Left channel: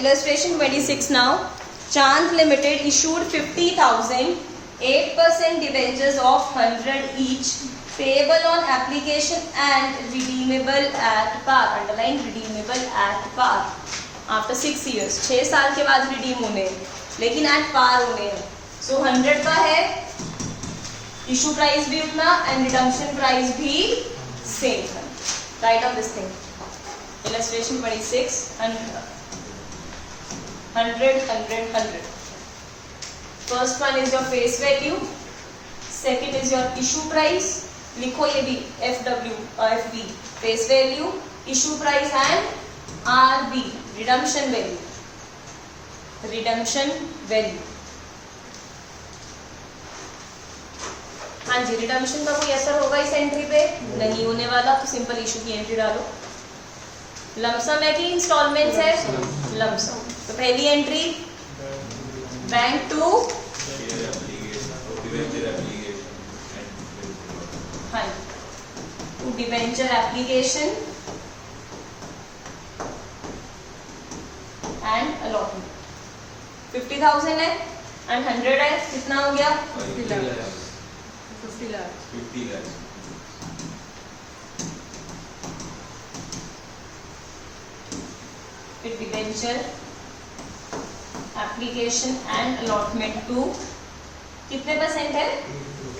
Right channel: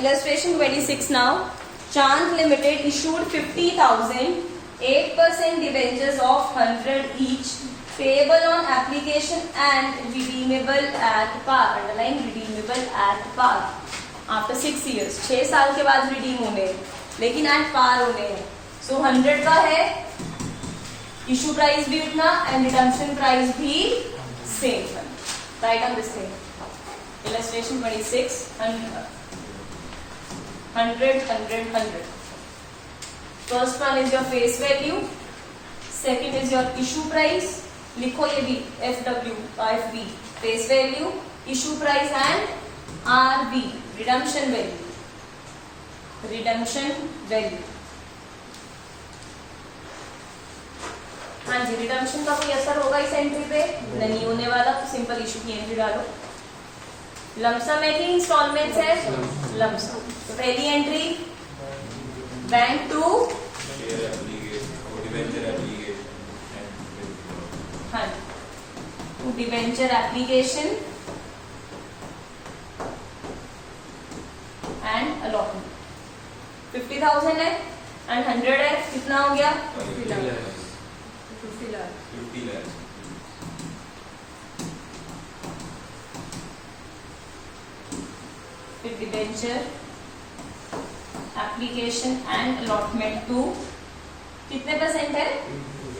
Illustration 26 now. Chand Limited issued 50,000 8% debentures of 100 each, payable on application and redeemable at par. Underline redeemable at par. After 6 years, 6 साल के बाद redeem होने, लेकिन at par होने हैं. सो 100 का है, इशू प्राइस भी उतना एंड रिडम्पशन प्राइस भी same. Right on this thing. Illustration 26. 100. First one is your face value, second is your issue price. लिखो ये भी FV face value, issue price and RV redemption value. हाँ जी, redemption का कोई असर होगा इस एंट्री पे? नहीं होने वाला, तो सिंपल इशू की एंट्री डालो. लमसम है कि इंस्टॉलमेंट्स है? लमसम. तो पहली entry bank to debenture application and allotment. 50,000 है एंड 100 है, कितना हो गया? 50 लाख. फिर debenture application and allotment to कितने परसेंट है?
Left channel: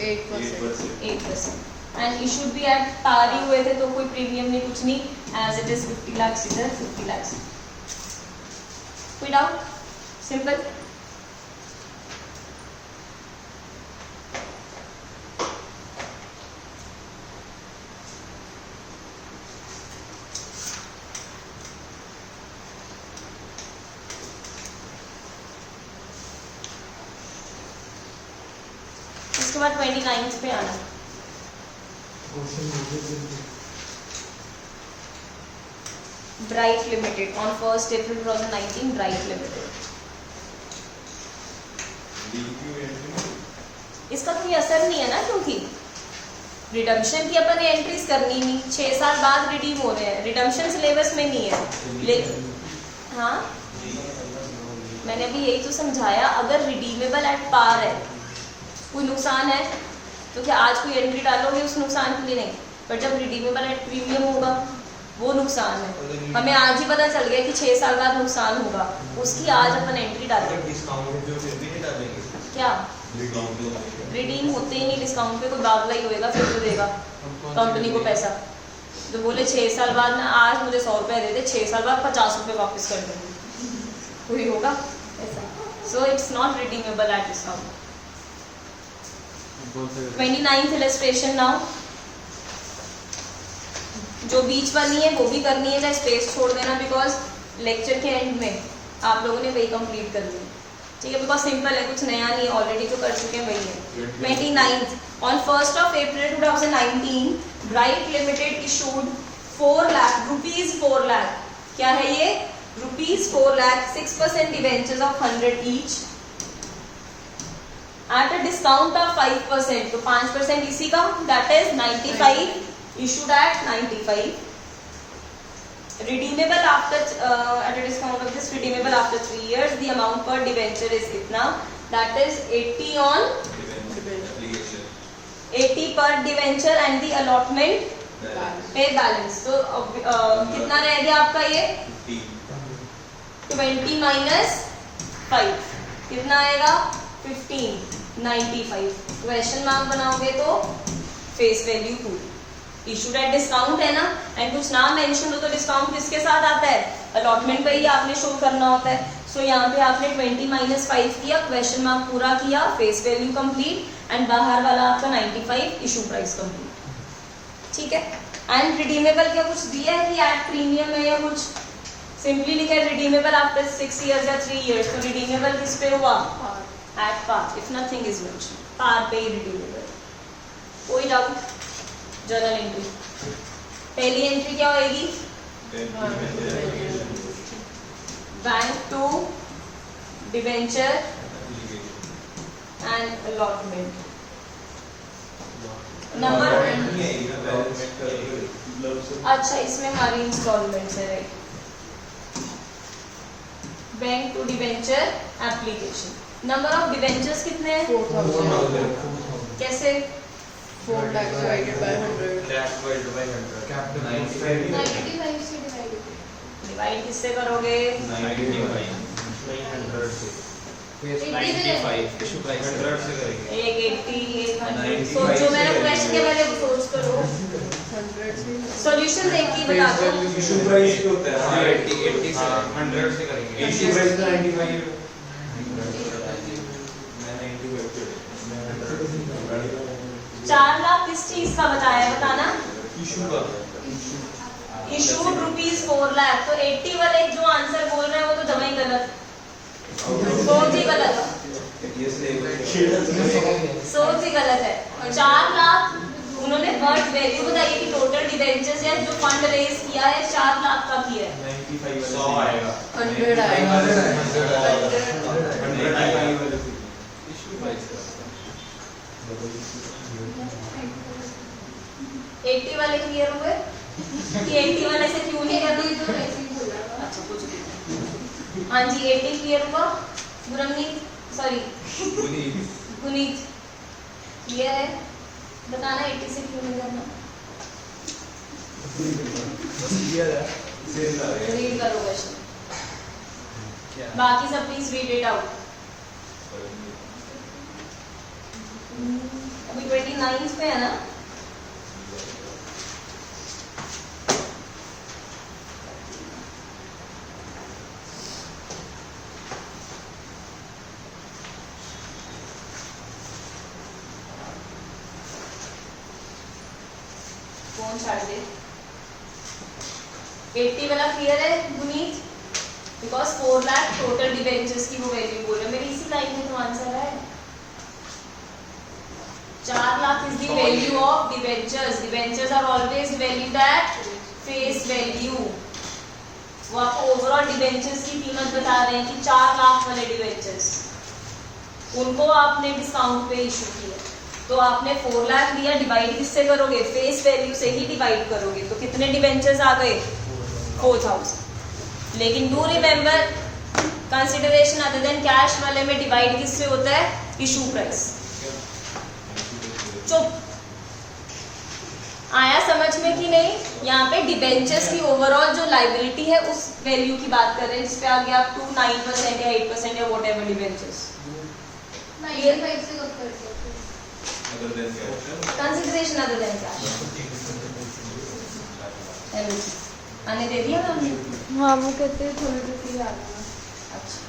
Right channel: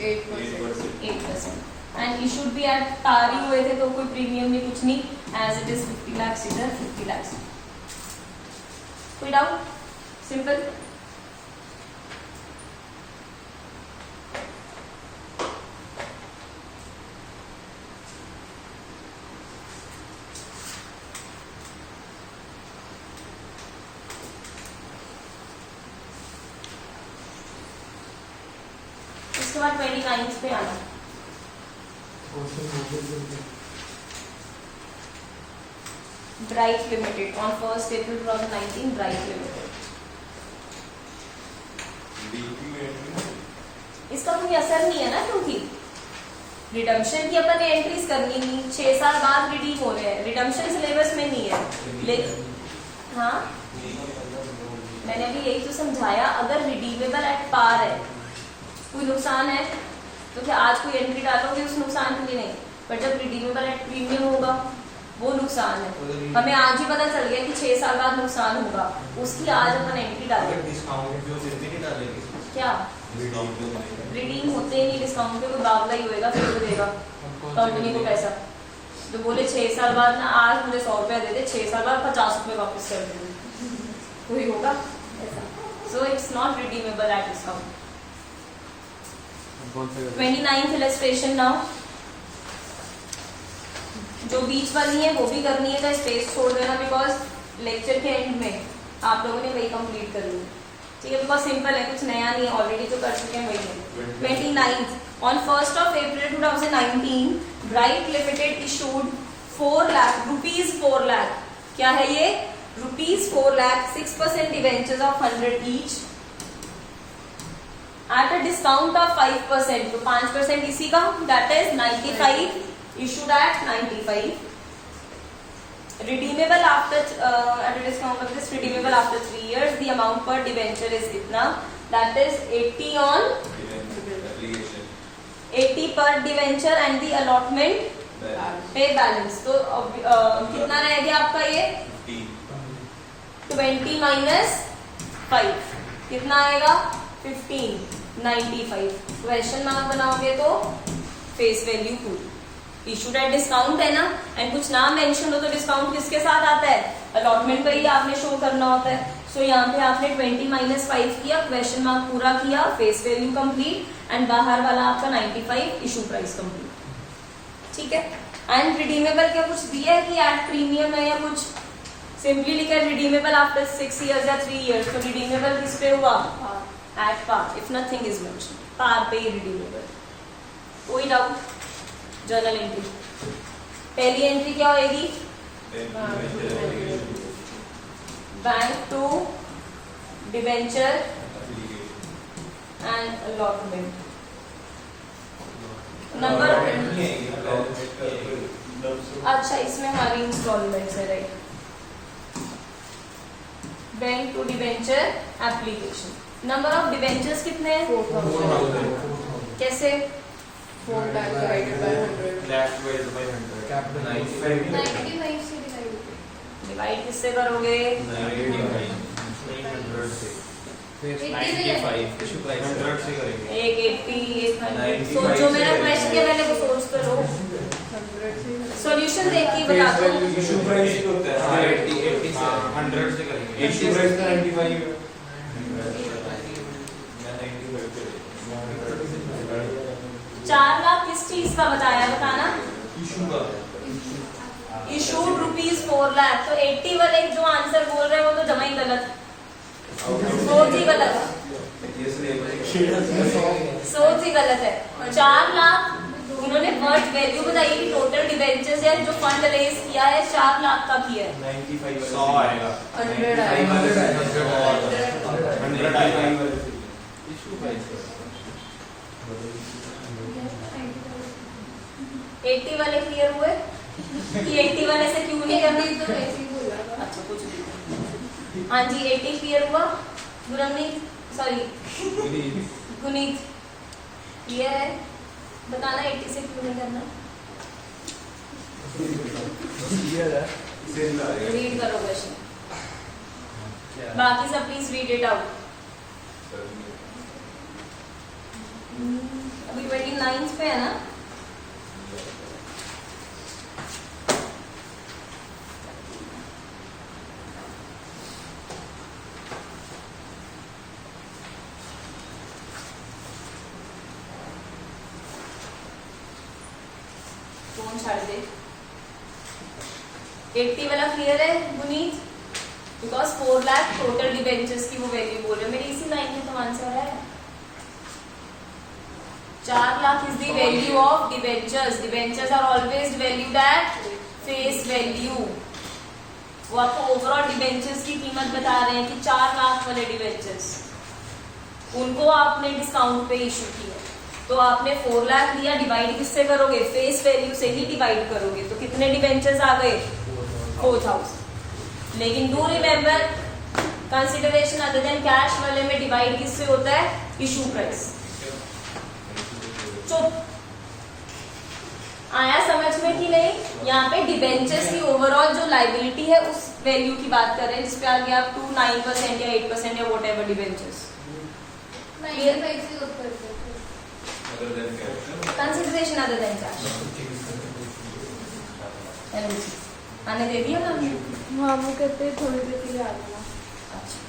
8%. एंड इशूड भी एट पार ही हुए थे, तो कोई प्रीमियम नहीं, कुछ नहीं. एज इट इज 50 लाख इधर 50 लाख. कोई डाउट? सिंपल. इसके बाद 29 पे आना. Bright limited on 1 April 2019. Bright limited, इसका कोई असर नहीं है ना, क्योंकि रिडम्पशन की अपन ने एंट्रीज करनी नहीं. 6 साल बाद रिडीम हो रहे हैं, रिडम्पशन सिलेबस में नहीं है. लेकिन हाँ, मैंने भी यही तो समझाया. अगर रिडीमेबल एट पार है, कोई नुकसान है तो क्या आज कोई एंट्री डालोगे उस नुकसान के लिए? नहीं. बट जब रिडीमेबल एट प्रीमियम होगा, वो नुकसान है. हमें आज ही पता चल गया कि 6 साल बाद नुकसान होगा, उसकी आज अपन एंट्री डालेंगे. क्या रिडीम होते ही नहीं डिस्काउंट पे? कोई बावला ही होएगा, फिर तो देगा कंपनी को पैसा. तो बोले 6 साल बाद ना, आज मुझे 100 रुपया दे दे, 6 साल बाद 50 रुपये वापस कर देंगे, कोई होगा ऐसा? So it's not redeemable at discount. 29th illustration now. जो बीच वाली है वो भी करनी है, चाहे स्पेस छोड़ देना, बिकॉज लेक्चर के एंड में आप लोगों ने वही कंप्लीट कर लिया. ठीक है, बहुत सिंपल है, कुछ नया नहीं है, ऑलरेडी जो कर चुके हैं वही है. 29th on 1 April 2019 bright limited issued 4 lakh rupees. 4 lakh क्या है ये? Rupees 4 lakh 6% debentures of 100 each at a discount of 5%. तो 5% इसी का, that is 95. issued at 95. redeemable after at a discount of this, redeemable after 3 years. the amount per debenture is इतना, that is 80 on 80 per debenture and the allotment पे balance. तो कितना रह गया आपका ये? 20 minus 5 कितना आएगा? 15. 95. क्वेश्चन मार्क बनाओगे तो face value full. Issued at discount है ना, एंड कुछ नाम मेंशन हो तो डिस्काउंट किसके साथ आता है? अलॉटमेंट पर ही आपने शो करना होता है. सो यहाँ पे आपने 20 minus 5 किया, क्वेश्चन मार्क पूरा किया, फेस वैल्यू कंप्लीट, एंड बाहर वाला आपका 95 इशू प्राइस कंप्लीट. ठीक है. एंड रिडीमेबल क्या कुछ दिया है कि एट प्रीमियम है या कुछ? सिंपली लिखा है रिडीमेबल आफ्टर 6 years या 3 years. तो रिडीमेबल किस पे हुआ? At par. If nothing is mention, par पे ही रिडीमेबल. कोई डाउट? Journal entry. पहली एंट्री क्या होगी? Bank to debenture and allotment. Number अच्छा, इसमें हमारी इंस्टॉलमेंट्स है, right. Bank to debenture application. Number of debentures कितने हैं? 4000 कैसे? 4 लाख डिवाइडेड बाय 100 कैपिटल 95 से डिवाइड किससे करोगे? 900 से फेस 95 इशू प्राइस 100 से करेंगे। एक 80 एक 100। सोचो, मेरा क्वेश्चन के पहले सोच तो लो। 100 से सॉल्यूशन देख के बता दो। इशू प्राइस क्या होता है? हाँ, 80 से 100 से करेंगे। इशू प्राइस का 95 है। 4 लाख किस चीज का बताया बताना? इशू का इशूड रुपीज 4 लाख। तो 80 वाले जो आंसर बोल रहे हो तो जमा ही गलत, सोच ही गलत, सोच ही गलत है। 4 लाख उन्होंने वर्थ वैल्यू बताई कि टोटल डिबेंचर्स है जो फंड रेज किया है 4 लाख का किया है। 95 100 आएगा। 100 आएगा। 100 आएगा। इशू प्राइस 80 वाले क्लियर हुए कि 80 वाले से क्यों नहीं करना? तो ऐसे ही बोला था। अच्छा कुछ नहीं। हाँ जी, 80 क्लियर हुआ। गुरमनीत, सॉरी गुनीत क्लियर है? बताना 80 से क्यों नहीं करना? रीड करो क्वेश्चन, बाकी सब प्लीज रीड इट आउट। अभी 29 पे है ना? कौन छाड़ दे? 80 वाला क्लियर है Guneet? Because 4 lakh total debentures की वो वैल्यू बोल रहे हो। मेरी इसी लाइन में तो आंसर है। 4 lakh is the value of debentures. Debentures are always valued at face value. वो आपको ओवरऑल डिबेंचर्स की कीमत बता रहे हैं कि 4 लाख वाले डिबेंचर्स उनको आपने डिस्काउंट पे इशू किया, तो आपने 4 लाख दिया, डिवाइड किससे करोगे? फेस वैल्यू से ही डिवाइड करोगे। तो कितने डिबेंचर्स आ गए? 4000। लेकिन do remember, consideration other than cash वाले में डिवाइड किससे होता है? Issue price. चुप, आया समझ में कि नहीं? यहाँ पे डिबेंचर्स की ओवरऑल जो लाइबिलिटी है उस वैल्यू की बात कर रहे हैं जिसपे आगे आप 2 9% या 8% या वॉट एवर डिबेंचर्स। 95 से कब करते थे? कंसिडरेशन अदर देन कैश आने दे दिया मैम ने? हाँ, वो कहते हैं थोड़ी देर के लिए आ जाना। अच्छा,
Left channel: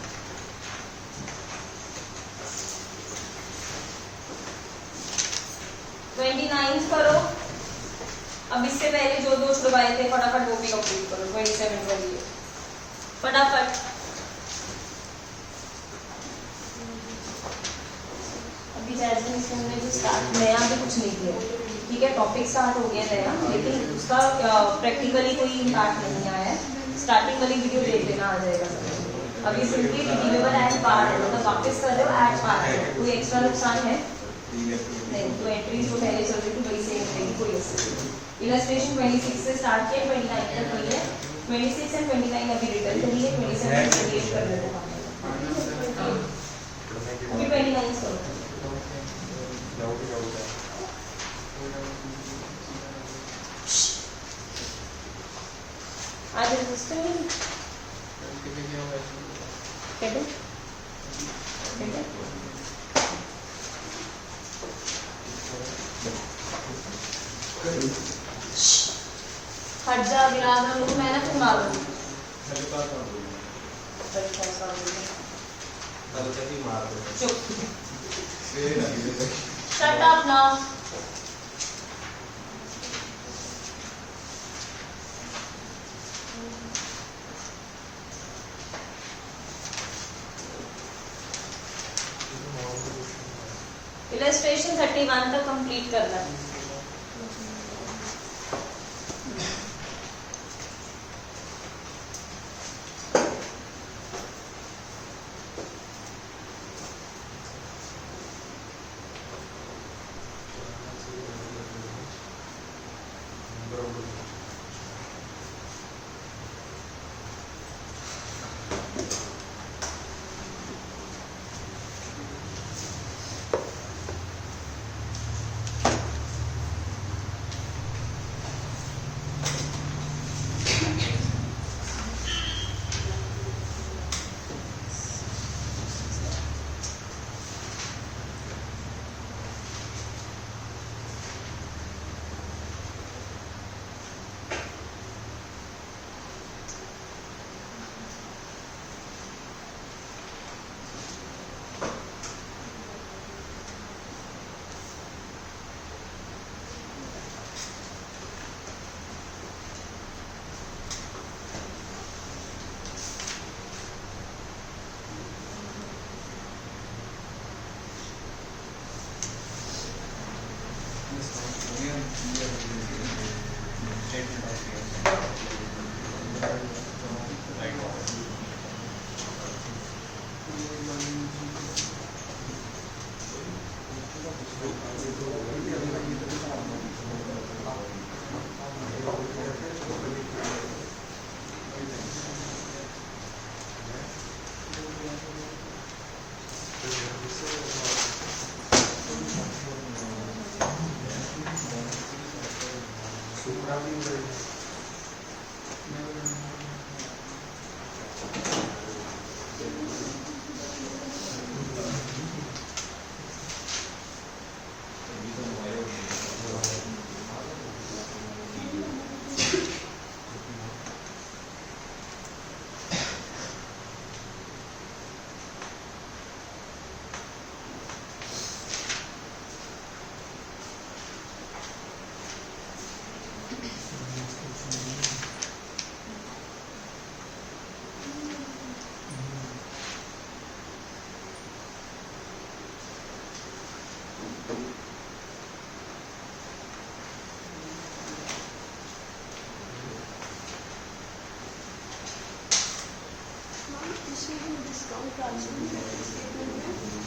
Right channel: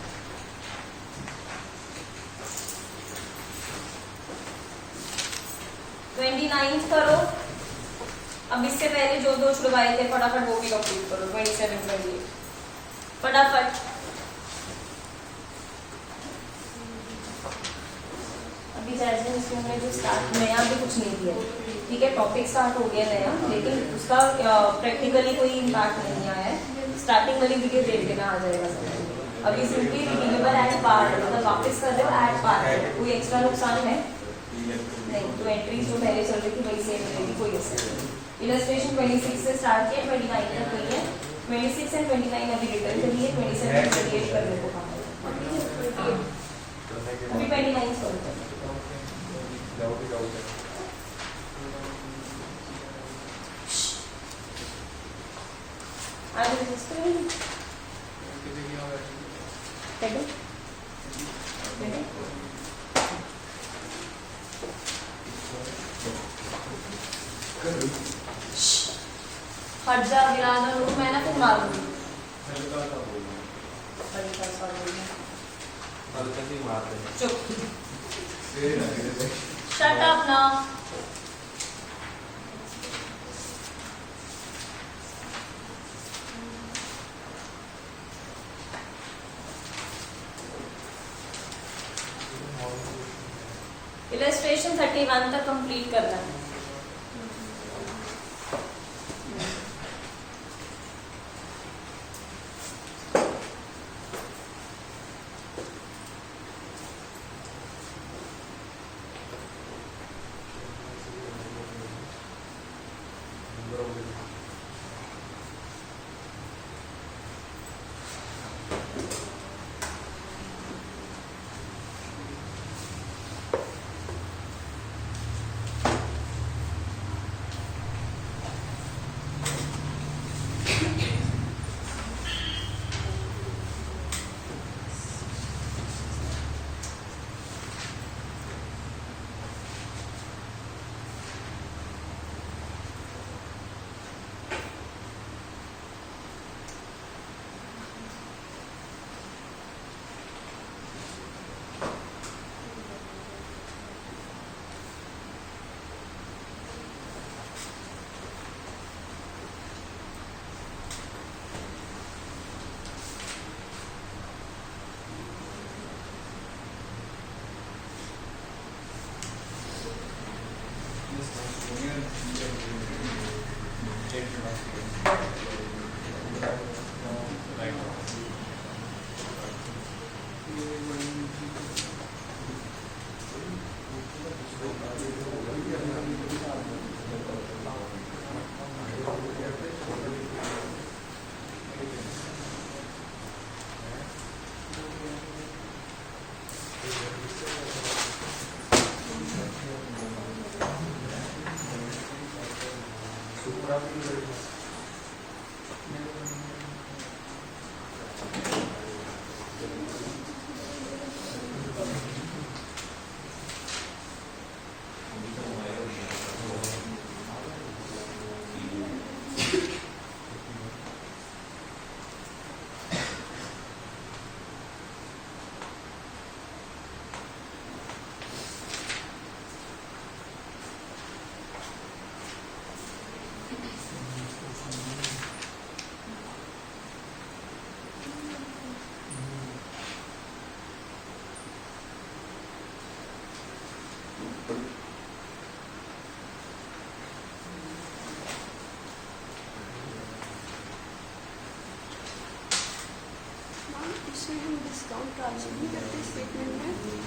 ट्वेंटी 29 करो। अब इससे पहले जो दो छुड़वाए थे फटाफट वो भी कंप्लीट करो। 27 28 फटाफट। अभी जैसे इसमें जो स्टार्ट नया भी कुछ नहीं किया, ठीक है, टॉपिक स्टार्ट हो गया नया, लेकिन उसका प्रैक्टिकली कोई इम्पैक्ट नहीं आया है। स्टार्टिंग वाली वीडियो देख लेना, आ जाएगा समझ। अभी सिंपली रिडीमेबल एट पार्ट, मतलब वापस कर रहे हो एट पार्ट, कोई एक्स्ट्रा नुकसान है नहीं। तो एंट्रीज जो पहले चल रही थी वही सेम रहेगी, कोई असर नहीं। इलस्ट्रेशन 26 से स्टार्ट किया, 29 तक हुई है। 26 एंड 29 अभी रिटर्न करिए, 27 28 करने को कहा है। अभी 29 सॉल्व करिए। आज रजिस्टर नहीं कैसे? हट जा विराज, और मैं ना फिर मारूंगी। चुप, शट अप ना। इलस्ट्रेशन 31 तक कंप्लीट करना है।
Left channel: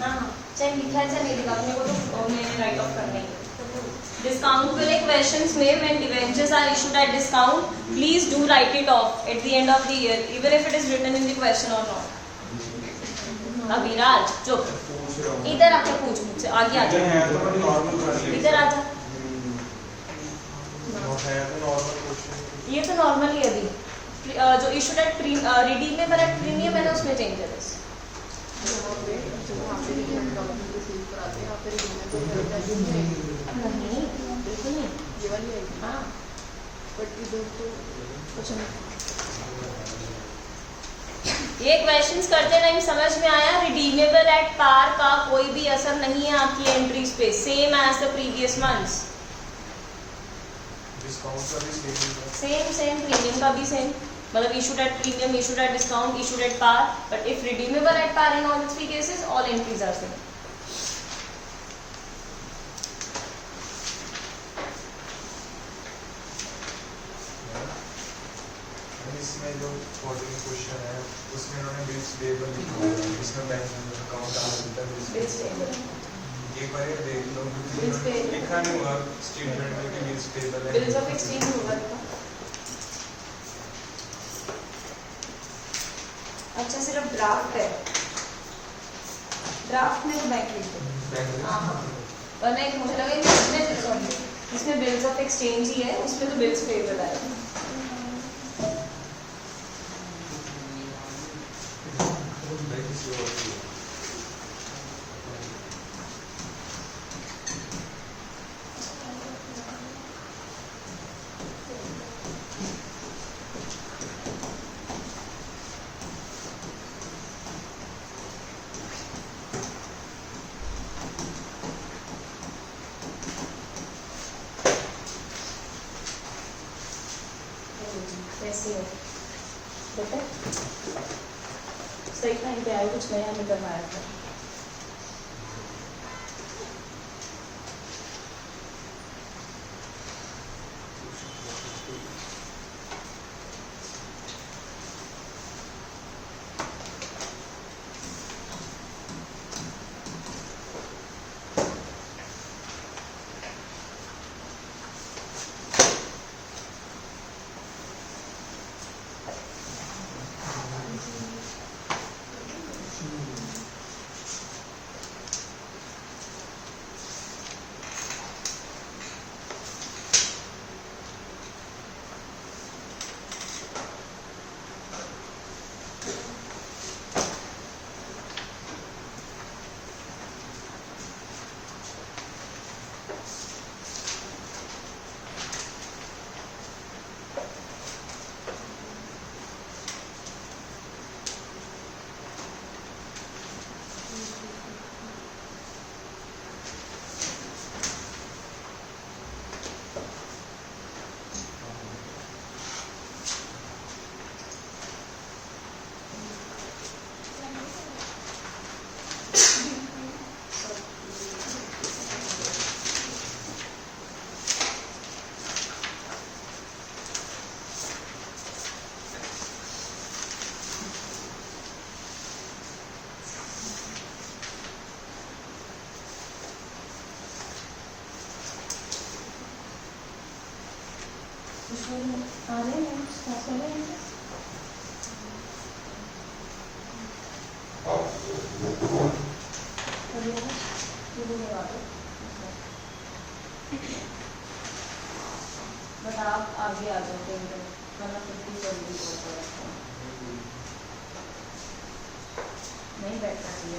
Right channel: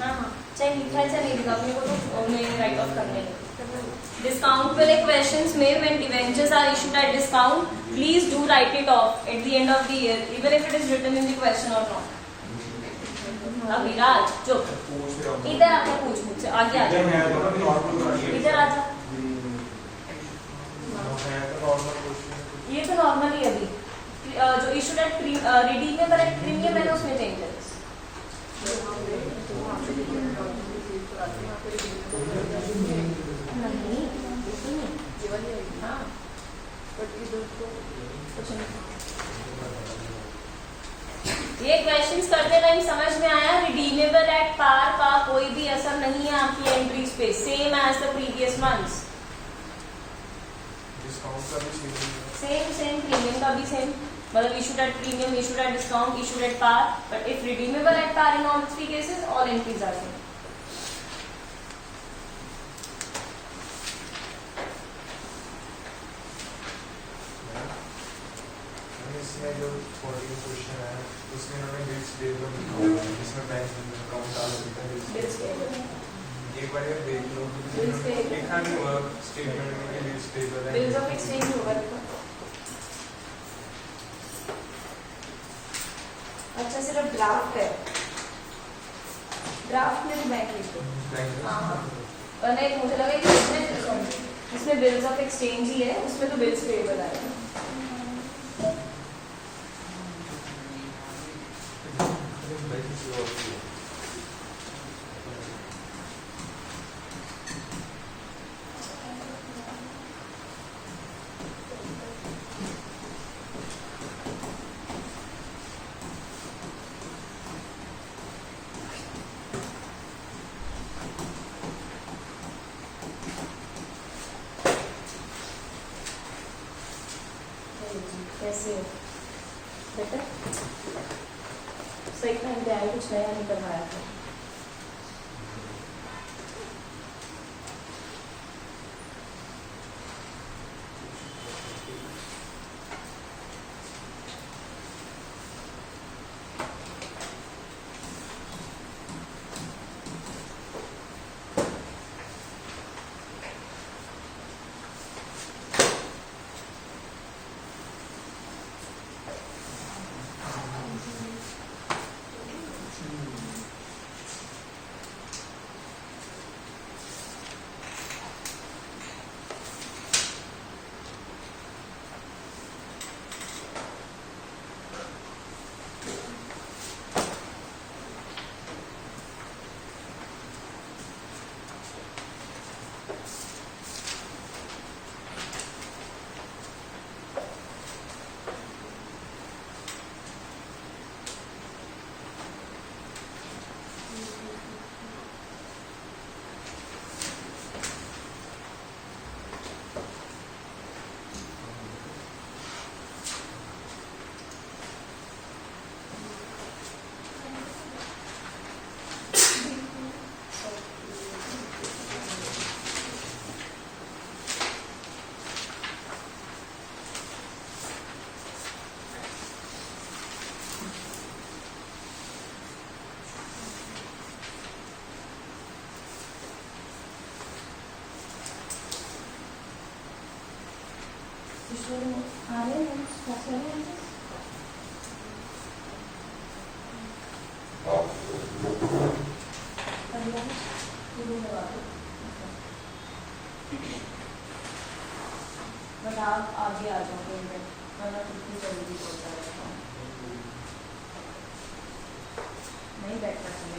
हाँ चाहे लिखा है चाहे नहीं लिखा अपने को तो मैंने राइट ऑफ करने डिस्काउंट वाले क्वेश्चंस में when debentures are issued at discount please do write it off at the end of the year even if it is written in the question or not. Abhiraj चुप इधर आके पूछ मुझसे आगे आ जा इधर आ जा ये तो नॉर्मल ही है अभी जो issued at redeemable at premium मैंने उसमें चेंजेस ये क्वेश्चंस करते टाइम समझ में आया रिडीमेबल एट पार का कोई भी असर नहीं है आपकी एंट्रीज पे same as the previous months same premium का भी सेम मतलब issued at premium issued at discount issued at par but if redeemable at par in all three cases all entries are same. इसमें जो question है उसमें उन्होंने bills payable लिखा हुआ है जिसमें बैंक अकाउंट आ सकता है एक बार ये देख लो लिखा नहीं हुआ स्टेटमेंट में कि बिल्स पेबल है बिल्स ऑफ एक्सचेंज होगा. अच्छा सिर्फ ड्राफ्ट है ड्राफ्ट में बैंक लिखो वरना एक मुझे लगा इसमें बिल्स ऑफ एक्सचेंज ही है उसमें तो बिल्स पेबल आएगा. कैसे हो बेटा सही टाइम पे आए कुछ नया नहीं करवाया था. आ रहे हैं स्टॉप कर रहे हैं बट आप आगे आ जाओगे वरना कितनी जल्दी पहुंचा रहता हूँ नहीं बैठना चाहिए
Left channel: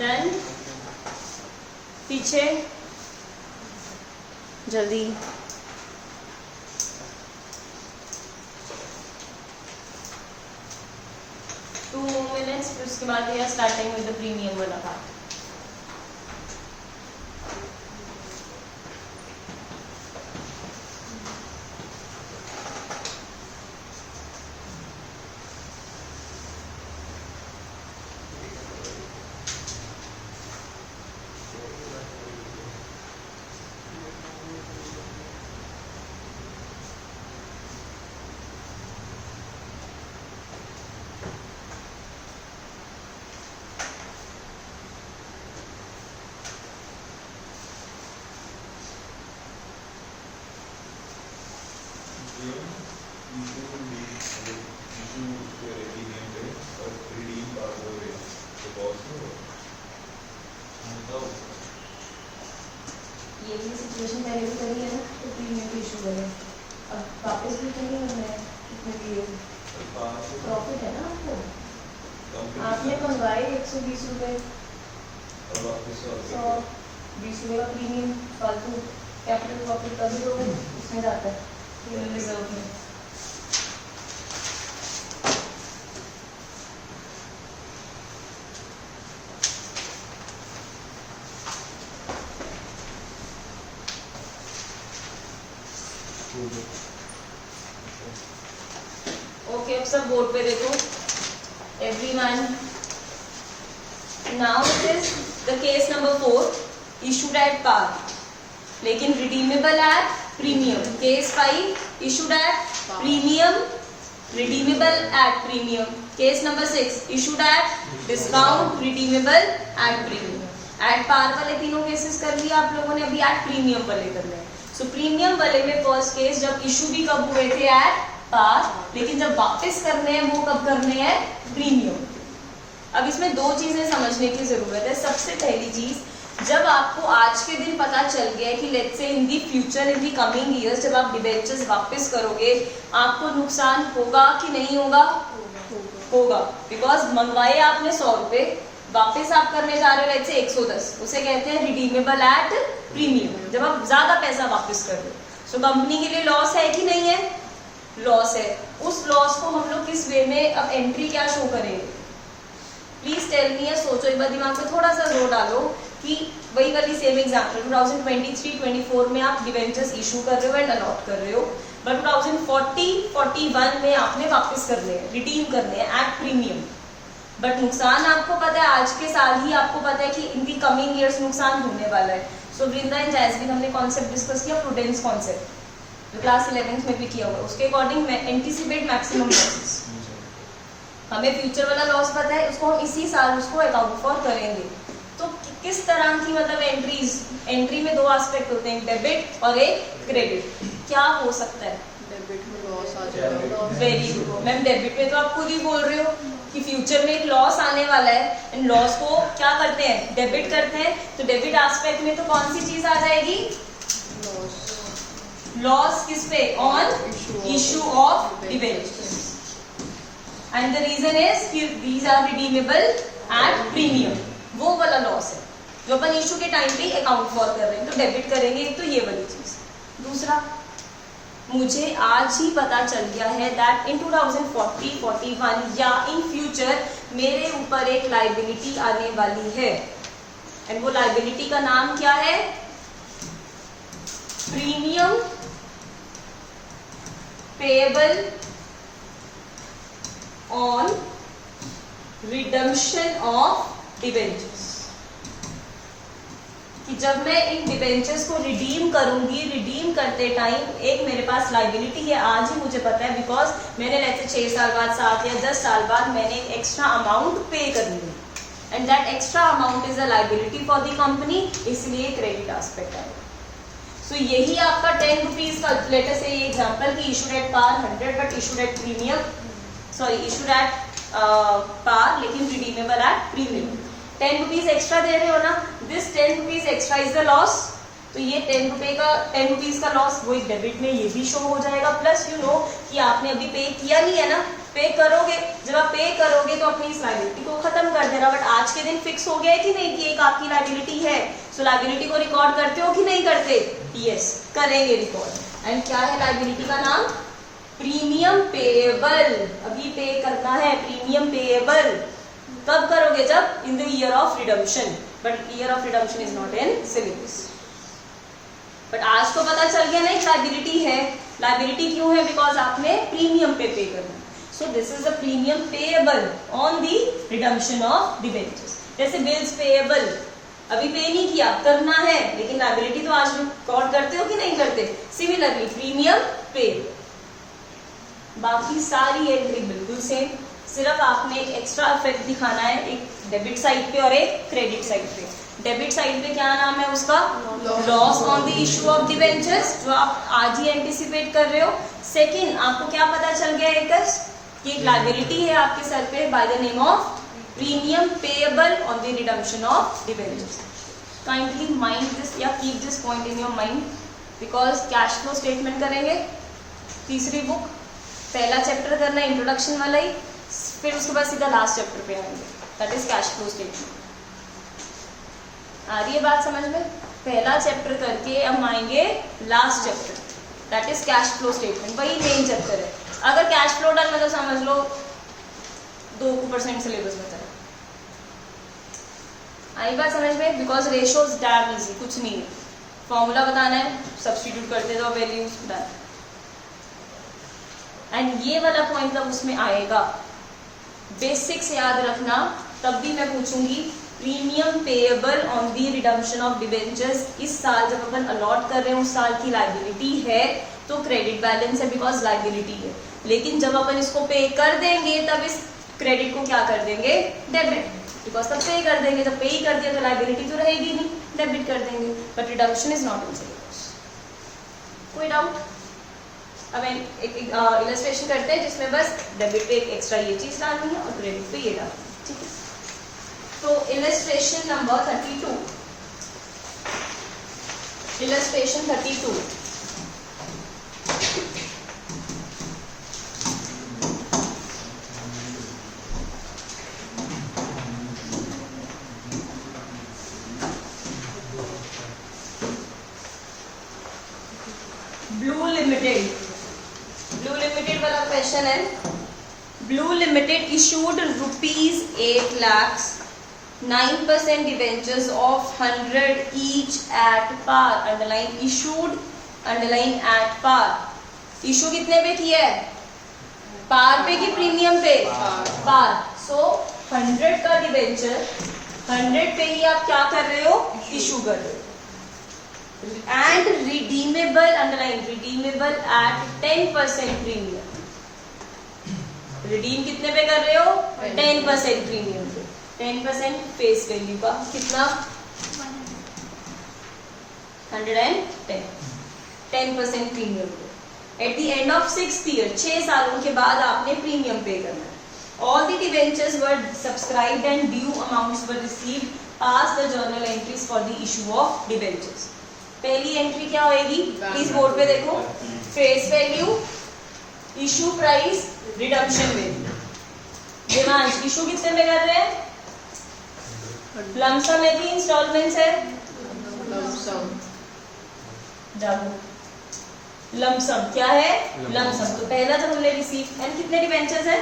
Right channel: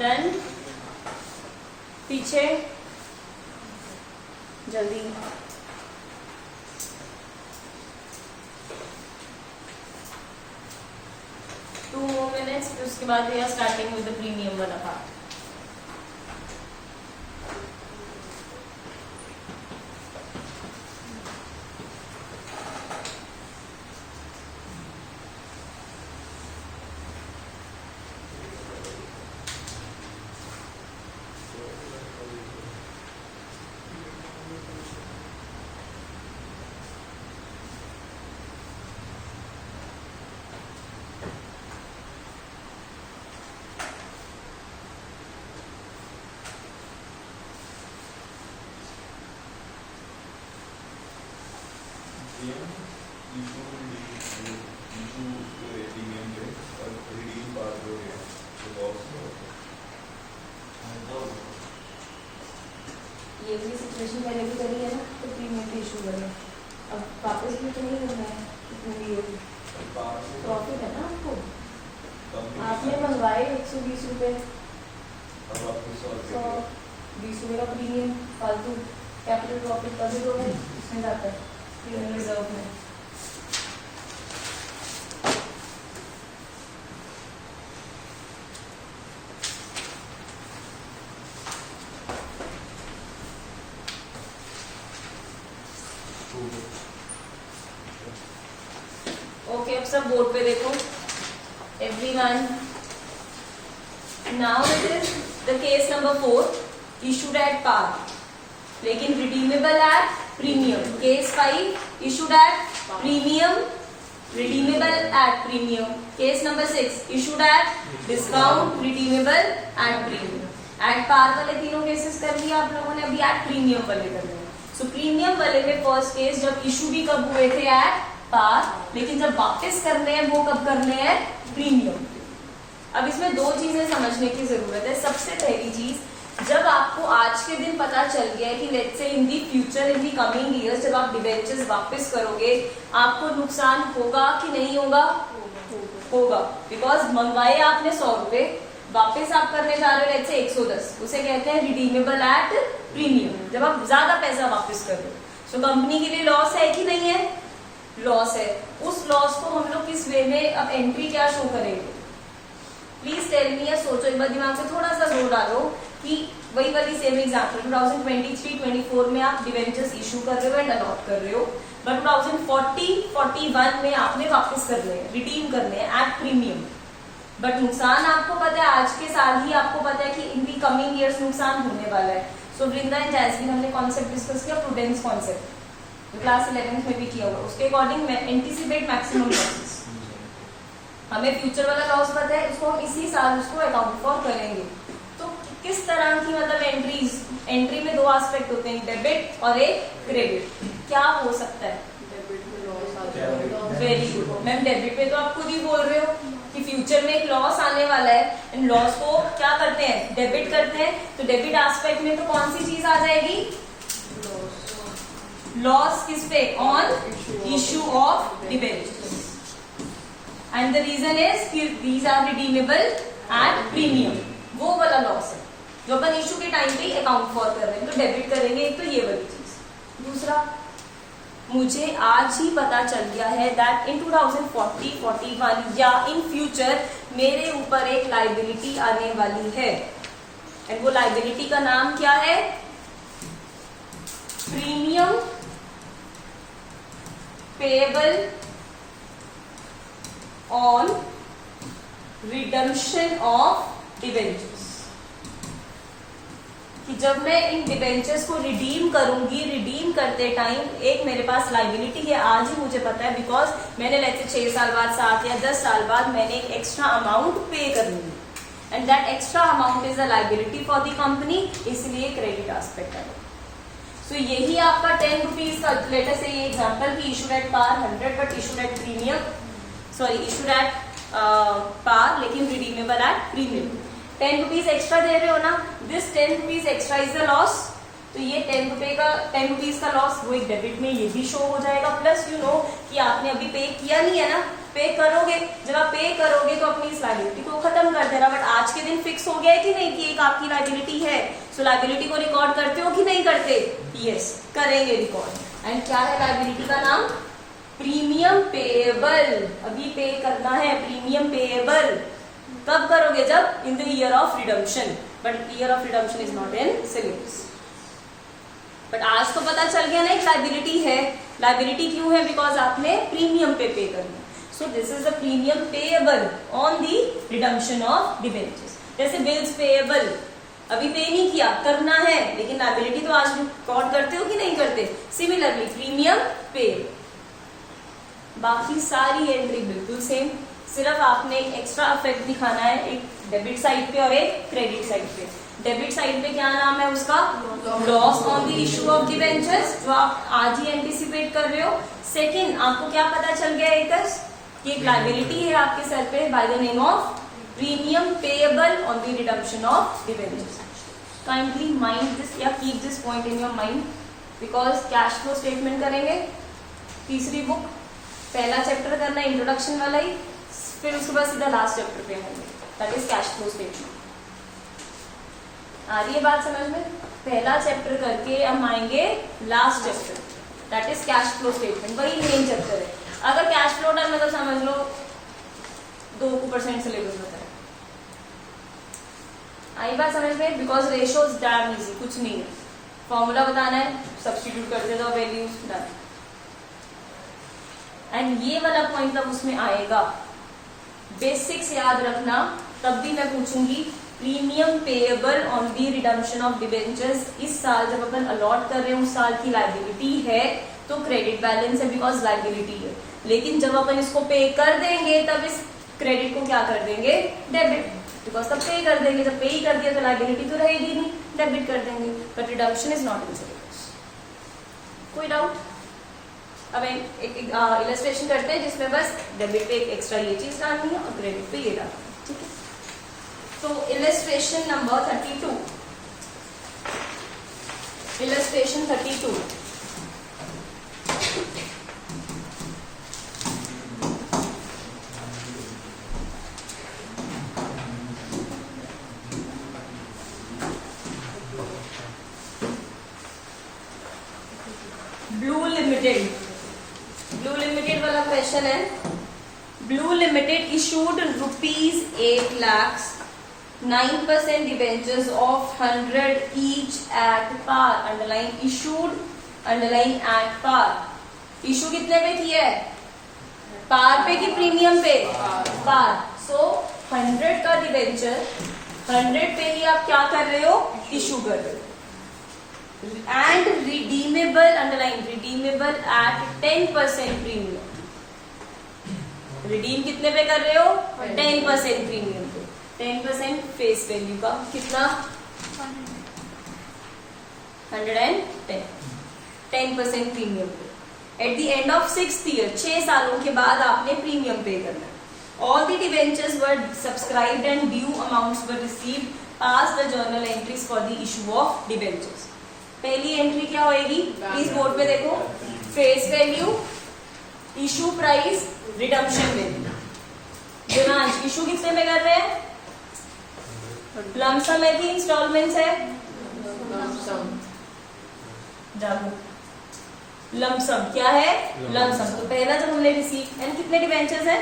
डन पीछे जल्दी टू मिनट्स उसके बाद we are starting with the premium वाला पार्ट ये भी सिचुएशन पहले भी करी है ना तो प्रीमियम इशू करे अब वापस भी तो नहीं करना है क्योंकि प्रॉफिट है ना आपको आपने मंगवाए 120 रुपये 120 रुपये का प्रीमियम फालतू कैपिटल प्रॉफिट कभी तो उसमें जाता है प्रीमियम रिजर्व में ओके अब सब बोर्ड पे देखो everyone now it is the case number 4 issued at par लेकिन redeemable at premium case 5 issued at premium redeemable at premium case number 6 issued at discount redeemable at premium at par वाले तीनों cases कर लिया आप लोगों ने अभी at premium वाले करना है सो प्रीमियम वाले में फर्स्ट केस जब इशू भी कब हुए थे एट पार लेकिन जब वापस करने हैं वो कब करने हैं प्रीमियम। अब इसमें दो चीजें समझने की जरूरत है। सबसे पहली चीज जब आपको आज के दिन पता चल गया कि let's say in the future in the coming years जब आप डिबेंचर्स वापस करोगे आपको नुकसान होगा कि नहीं होगा होगा बिकॉज मंगवाए आपने 100 रुपए वापस आप करने जा रहे हो लेट्स से 110 उसे कहते हैं रिडीमेबल एट प्रीमियम, जब आप ज्यादा पैसा वापस कर रहे हो। सो कंपनी के लिए लॉस है कि नहीं है? लॉस है। उस लॉस को हम लोग किस वे में अब एंट्री क्या शो करेंगे? प्लीज टेल मी, या सोचो एक बार, दिमाग में थोड़ा सा जोर डालो कि वही वाली सेम एग्जाम्पल 2023-24 में आप डिवेंचर्स इशू कर रहे हो एंड अलॉट कर रहे हो, बट 2040-41 में आपने वापस करने हैं, रिडीम करने हैं एट प्रीमियम। बट नुकसान आपको पता है, आज के साल ही आपको पता है कि इन दी कमिंग ईयर्स नुकसान होने वाला है। सो वृंदा एंड जैस्मिन हमने कॉन्सेप्ट डिस्कस किया, प्रूडेंस कॉन्सेप्ट, जो क्लास 11th में भी किया होगा। उसके अकॉर्डिंग एंटीसिपेट मैक्सिमम लॉसेस, हमें फ्यूचर वाला लॉस पता है, उसको हम इसी साल उसको अकाउंट फॉर करेंगे। तो किस तरह की मतलब एंट्रीज, एंट्री में दो एस्पेक्ट होते हैं, डेबिट और एक क्रेडिट। क्या हो सकता है? डेबिट में लॉस आ जाएगा। वेरी गुड मैम, डेबिट में तो आप खुद ही बोल रहे हो कि फ्यूचर में एक लॉस आने वाला है, इन लॉस को क्या करते हैं? डेबिट करते हैं। तो डेबिट एस्पेक्ट में तो कौन सी चीज आ जाएगी? लॉस किस पे? On issue of debentures, and the reason is these are redeemable at premium. वो वाला लॉस है जो अपन इशू के टाइम पे अकाउंट फॉर कर रहे हैं, तो डेबिट करेंगे। एक तो ये वाली चीज। दूसरा, मुझे आज ही पता चल गया है दैट इन 2040-41 या इन फ्यूचर मेरे ऊपर एक लाइबिलिटी आने वाली है, एंड वो लाइबिलिटी का नाम क्या है? Premium payable on redemption of debentures. कि जब मैं इन डिबेंचर्स को रिडीम करूंगी, रिडीम करते टाइम एक मेरे पास लाइबिलिटी है, आज ही मुझे पता है, बिकॉज मैंने लाइक 6 साल बाद, 7 या 10 साल बाद मैंने एक एक्स्ट्रा अमाउंट पे करनी है, and that extra amount is a liability for the company, इसलिए क्रेडिट एस्पेक्ट है। सो यही आपका 10 रुपीज का, लेटर से ये एग्जाम्पल की issued at par 100 but issued at premium, sorry issued at par लेकिन redeemable at premium. 10 rupees extra दे रहे हो ना, this 10 rupees extra is the loss. तो ये 10 रुपीज का लॉस वो एक डेबिट में ये भी शो हो जाएगा। प्लस यू नो कि आपने अभी पे किया नहीं है ना, पे करोगे, जब आप पे करोगे तो अपनी इस लाइबिलिटी को खत्म कर देना। बट आज के दिन फिक्स हो गया है कि नहीं कि एक आपकी लाइबिलिटी है, सो लाइबिलिटी को रिकॉर्ड करते हो कि नहीं करते? यस, करेंगे रिकॉर्ड। एंड क्या है लाइबिलिटी का नाम? Premium payable. अभी पे करना है प्रीमियम पेएबल। कब करोगे? जब in the year of redemption, but year of redemption is not in syllabus. But आज तो पता चल गया नहीं लाइबिलिटी है। लाइबिलिटी क्यों है? बिकॉज आपने प्रीमियम पे करना। So this is the premium payable on the redemption of debentures. जैसे बिल्स पेएबल, अभी पे नहीं किया, करना है, लेकिन लाइबिलिटी तो आज रिकॉर्ड करते हो कि नहीं करते? सिमिलरली प्रीमियम पे, बाकी सारी एंट्री बिल्कुल सेम, सिर्फ आपने एक एक्स्ट्रा इफेक्ट दिखाना है, एक डेबिट साइड पे और एक क्रेडिट साइड पे। डेबिट साइड पे क्या नाम है उसका? Loss on the issue of debentures, जो आप आज ही एंटिसिपेट कर रहे हो। सेकंड, आपको क्या पता चल गया एक कि एक लाइबिलिटी है आपके सर पे by the name of premium payable on the redemption of debentures. Kindly mind this या keep this point in your mind, because cash flow statement करेंगे तीसरी बुक, पहला चैप्टर करना है इंट्रोडक्शन वाला ही, फिर उसके बाद सीधा लास्ट चैप्टर पे आएंगे, that is cash flow statement. आ रही है बात समझ में? पहला चैप्टर करके हम आएंगे last chapter, that is cash flow statement, वही मेन चैप्टर है। अगर कैश फ्लो डन है तो समझ लो 2% सिलेबस बचा है। आई बात समझ में? Because ratio is damn easy, कुछ नहीं है, फॉर्मूला बताना है, सब्स्टिट्यूट करते जाओ, वैल्यूज डन। एंड ये वाला पॉइंट जब उसमें आएगा, बेसिक्स याद रखना, तब भी मैं पूछूंगी premium payable on the redemption of debentures. इस साल जब अपन अलॉट कर रहे हैं उस साल की लाइबिलिटी है तो क्रेडिट बैलेंस है, बिकॉज लाइबिलिटी है। लेकिन जब अपन इसको पे कर देंगे तब इस क्रेडिट को क्या कर देंगे? डेबिट, बिकॉज तब पे कर देंगे, जब पे ही कर दिया तो लाइबिलिटी तो रहेगी नहीं, डेबिट कर देंगे। But redemption is not in syllabus. कोई डाउट? अब एक इलस्ट्रेशन करते हैं जिसमें बस डेबिट पे एक एक्स्ट्रा ये चीज डालनी है और क्रेडिट पे ये डालनी है, ठीक है? तो इलस्ट्रेशन नंबर 32, इलस्ट्रेशन 32। क्वेश्चन है, blue limited issued ₹8 lakhs 9% debentures of 100 each at par. Underline issued, underline at par. Issue कितने पे किया है? पार पे कि प्रीमियम पे? पार. सो 100 का डिबेंचर 100 पे ही आप क्या कर रहे हो? इशू कर रहे हो. And redeemable, underline redeemable at 10% premium. Redeem कितने पे कर रहे हो? 10% प्रीमियम पे. 10% फेस वैल्यू का कितना? 110. 10% प्रीमियम पे. At the end of 6th year, 6 सालों के बाद आपने प्रीमियम पे करना. All the debentures were subscribed and due amounts were received as the journal entries for the issue of debentures. पहली एंट्री क्या होएगी? प्लीज बोर्ड पे देखो. Face value, issue price, redemption value. Demand issue कितने में कर रहे हैं? लमसम है कि इंस्टॉलमेंट्स है? जाओ. लमसम क्या है? लमसम. तो पहला जब हमने रिसीव, एंड कितने डिबेंचर्स है?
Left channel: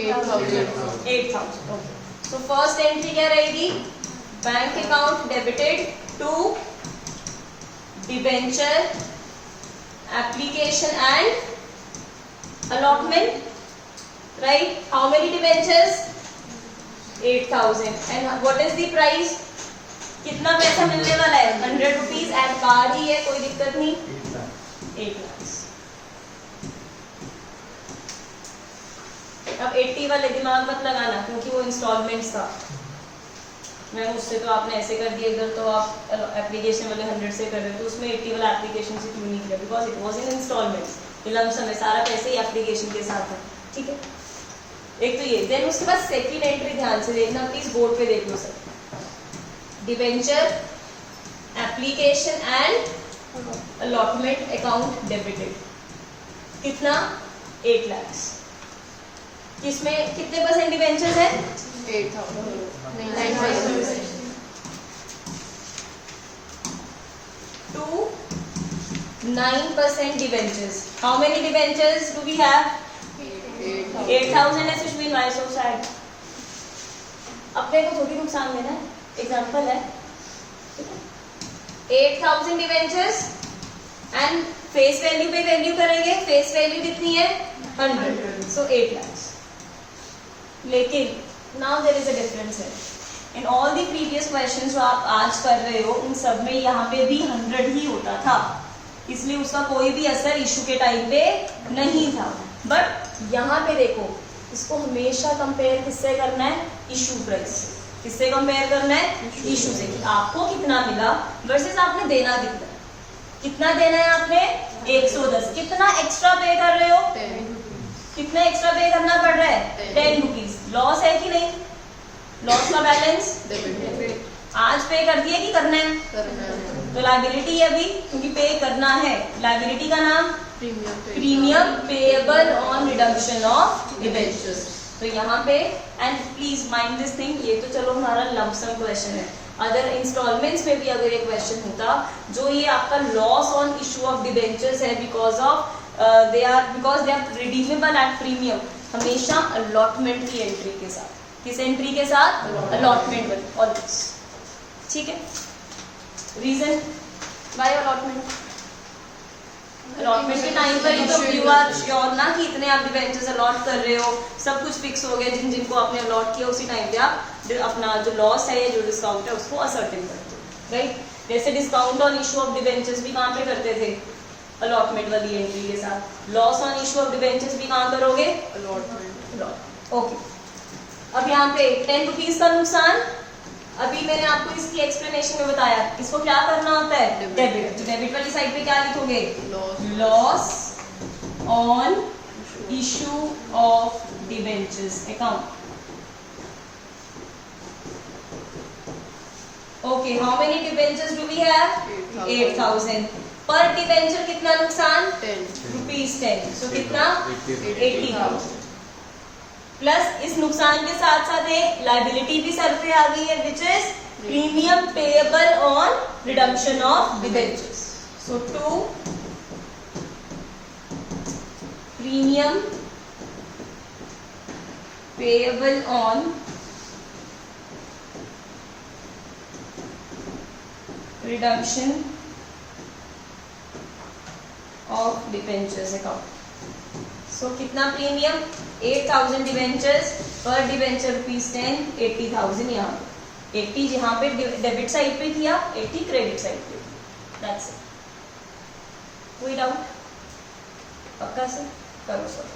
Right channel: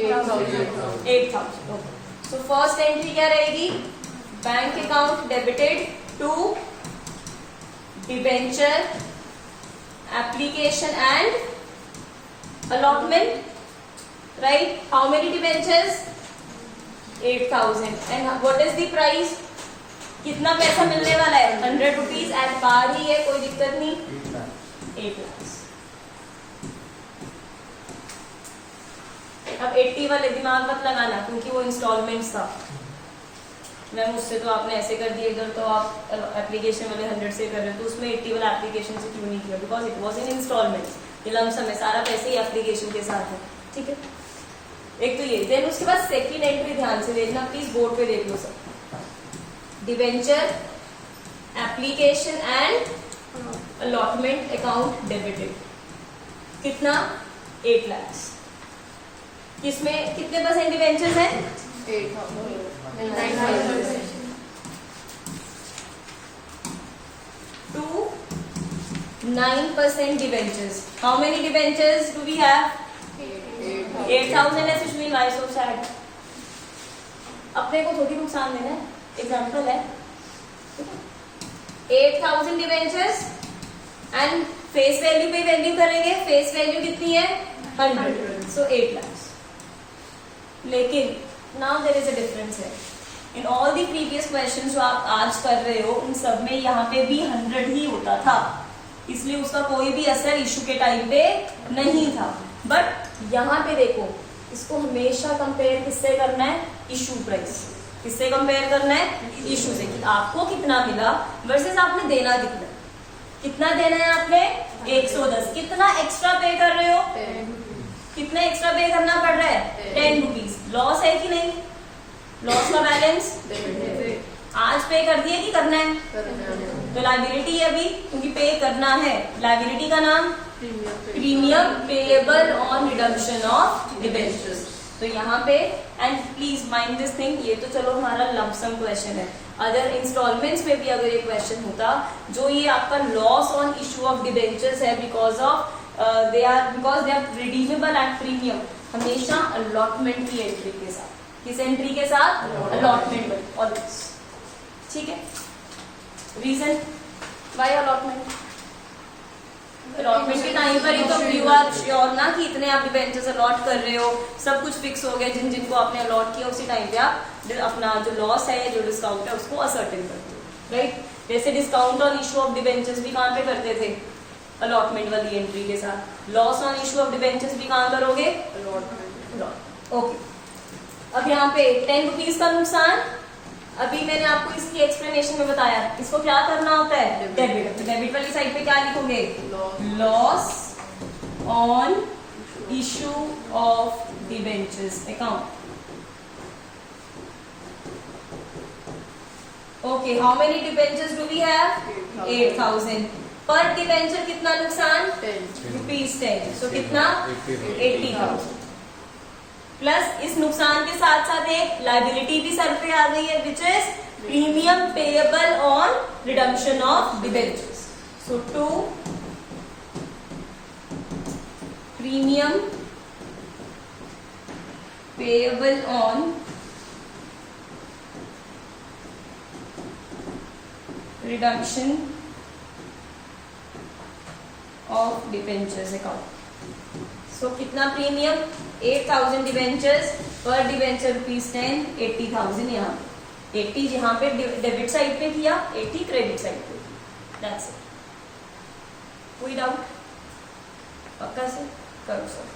8,000. ओके. सो फर्स्ट एंट्री क्या रहेगी? Bank account debited to debenture application and allotment. Right? How many debentures? 8,000. And what is the price? कितना पैसा मिलने वाला है? 100 रुपीज एट पार ही है, कोई दिक्कत नहीं. 8 lakhs. अब 80 वाले दिमाग मत लगाना क्योंकि वो इंस्टॉलमेंट्स था. मैम उससे तो आपने ऐसे कर दिए, इधर तो आप एप्लीकेशन वाले 100 से कर रहे हो, तो उसमें 80 वाला एप्लीकेशन से क्यों नहीं किया? Because it was in instalments. ये लमसम है, सारा पैसे ही एप्लीकेशन के साथ है. ठीक है, एक तो ये. देन उसके बाद सेकंड एंट्री ध्यान से देखना, प्लीज बोर्ड पे देख लो सब. Debenture application and allotment account debited. कितना? 8 lakhs. किसमें कितने परसेंट डिबेंचर्स हैं? 9%. 9% debentures. How many debentures do we have? 8,000 है, which means why so sad. अपने को थोड़ी नुकसान देना है, एग्जाम्पल है. 8,000 debentures एंड फेस वैल्यू पे वैल्यू करेंगे. फेस वैल्यू कितनी है? 100. So 8 lakhs. लेकिन now there is a difference है. In all the previous questions जो आप आज कर रहे हो, उन सब में यहाँ पे भी 100 ही होता था, इसलिए उसका कोई भी असर इशू के टाइम पे नहीं था. बट यहाँ पे देखो, इसको हमेशा कंपेयर किससे करना है? Issue price. किससे कंपेयर करना है? इशू से. कि आपको कितना मिला वर्सेस आपने देना कितना. कितना देना है आपने? 110. कितना एक्स्ट्रा पे कर रहे हो? कितना एक्स्ट्रा पे करना पड़ रहा है? 10 रुपीज. लॉस है कि नहीं? लॉस का बैलेंस आज पे कर दिए कि करना है? तो लायबिलिटी है अभी, क्योंकि पे करना है. लायबिलिटी का नाम premium payable on redemption of debentures. तो यहाँ पे, and please mind this thing, ये तो चलो हमारा लमसम क्वेश्चन है. अगर इंस्टॉलमेंट्स में भी अगर ये क्वेश्चन होता, जो ये आपका loss on issue of debentures है because of they are redeemable at premium, हमेशा अलॉटमेंट की एंट्री के साथ. किस एंट्री के साथ? अलॉटमेंट. ऑलवेज. ठीक है. Reason by allotment. अलॉटमेंट के टाइम पर ही तो यू आर श्योर ना कि इतने आप डिबेंचर्स अलॉट कर रहे हो, सब कुछ फिक्स हो गया. जिनको आपने अलॉट किया उसी टाइम पे आप अपना जो लॉस है या जो डिस्काउंट है उसको असर्टेन करते हो. राइट? जैसे discount on issue of debentures भी कहाँ पे करते थे? अलॉटमेंट वाली एंट्री के साथ. Loss on issue of debentures भी कहाँ करोगे? ओके. अब यहाँ पे 10 रुपीज का नुकसान, अभी मैंने आपको इसकी एक्सप्लेनेशन में बताया. इसको क्या करना होता है? डेबिट. तो डेबिट वाली साइड पे क्या लिखोगे? Loss on issue of debentures account. Okay. How many debentures do we have? 8,000. Per debenture कितना नुकसान? 10 ₹10. सो कितना? 80,000. प्लस इस नुकसान के साथ साथ एक लायबिलिटी भी सर पे आ गई है, which is premium payable on redemption of debentures. So 2 premium payable on redemption of debentures account. So कितना प्रीमियम 8,000 डिबेंचर्स पर डिबेंचर ₹10, 80,000 यहाँ पे 80 यहाँ पे डेबिट साइड पे किया, 80 क्रेडिट साइड पे। That's it. कोई डाउट? पक्का से करो सर।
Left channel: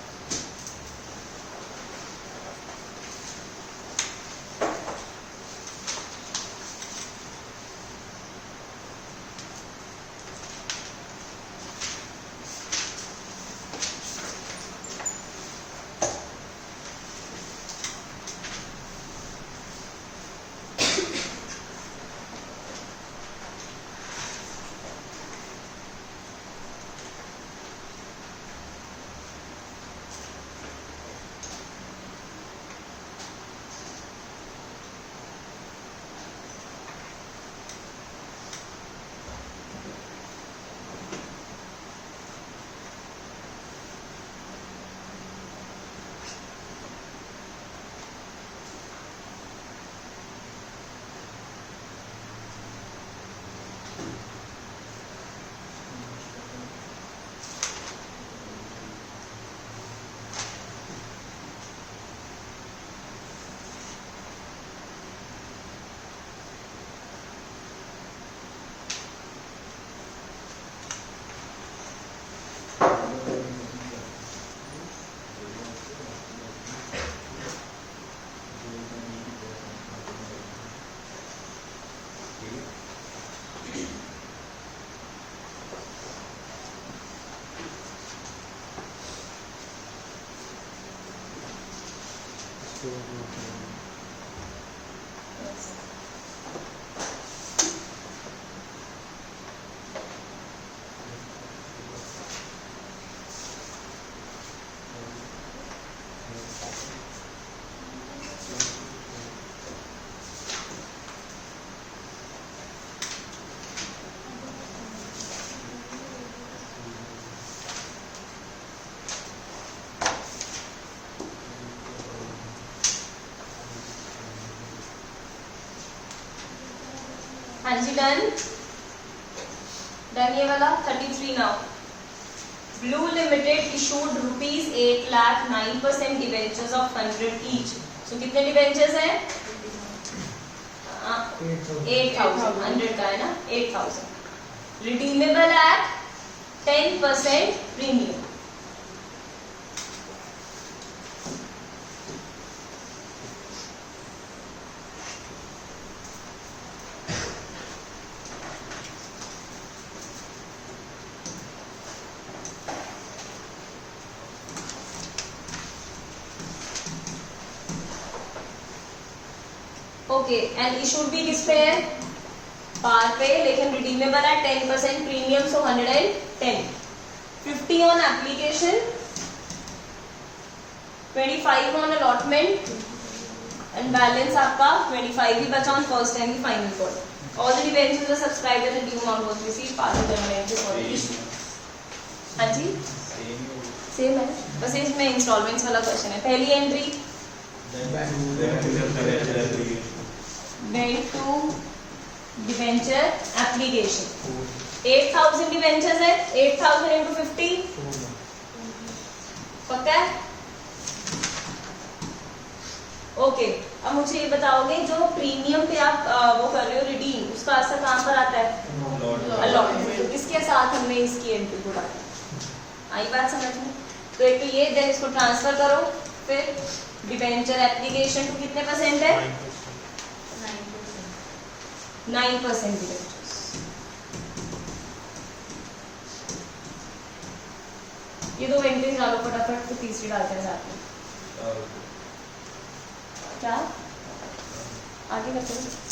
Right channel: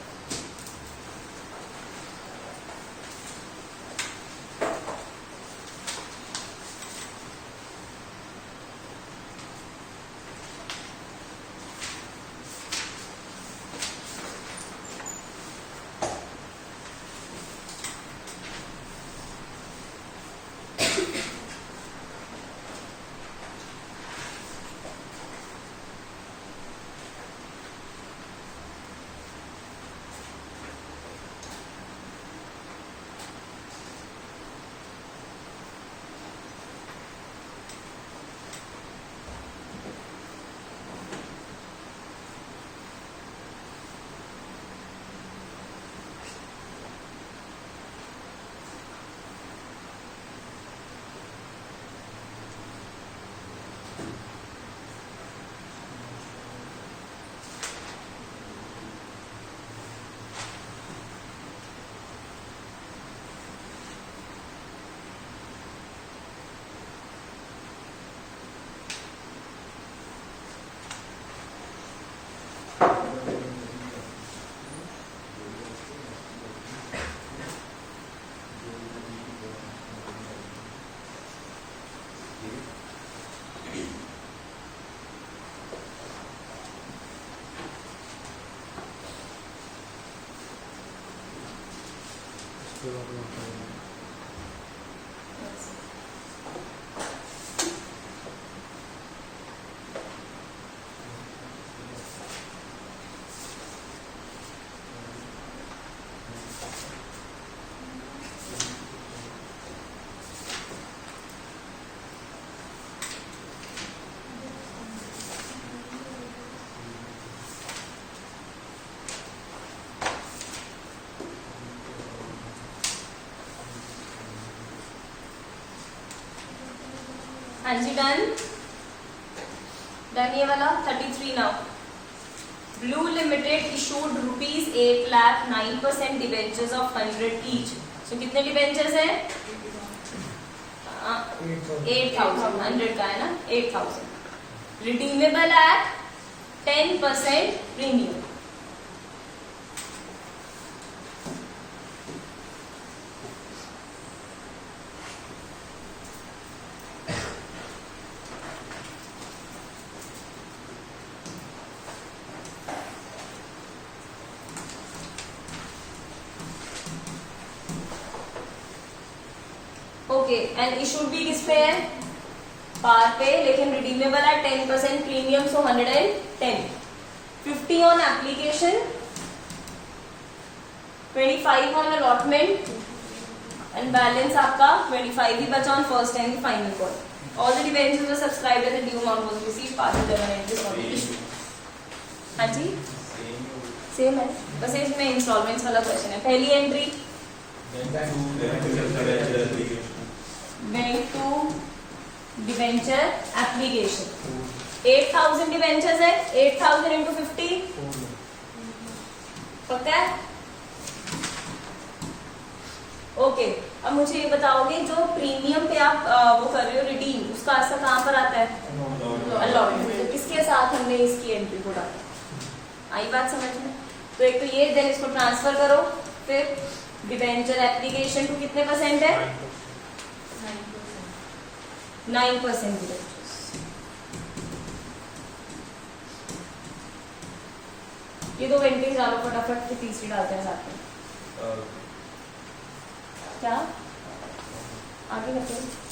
हाँ जी, डन डन। ये वाला 33 now. Blue limited issued ₹8 lakh 9% debentures of 100 each. So कितने डिबेंचर्स हैं? 8,000। 100 का है ना, 8,000। Redeemable at 10% premium. Okay, and issued भी किस पे है? पार पे, लेकिन रिडीमेबल है 10% premium, so 110। 50 on application, 25 on allotment and balance आपका 25 ही बचा on first and final call. All the debentures are subscribed and due amount was received pass the issue. हाँ जी, सेम है, बस इसमें इंस्टॉलमेंट्स वाला क्वेश्चन है। पहली entry bank to debenture application. 8,000 debentures है, 8,000 इंटू 50 पक्का है? ओके, अब मुझे ये बताओगे जो प्रीमियम पे आप वो कर रहे हो रिडीम, उसका असर कहाँ पर आता है? अलॉटमेंट। तो किसके साथ हमने इसकी एंट्री को डाला? आई बात समझ में? तो एक तो ये, देन इसको ट्रांसफर करो, फिर डिबेंचर एप्लीकेशन टू कितने परसेंट है? 9% डिबेंचर्स। ये दो एंट्रीज डालो फटाफट, फिर तीसरी डालते हैं साथ में। क्या आगे बताइए।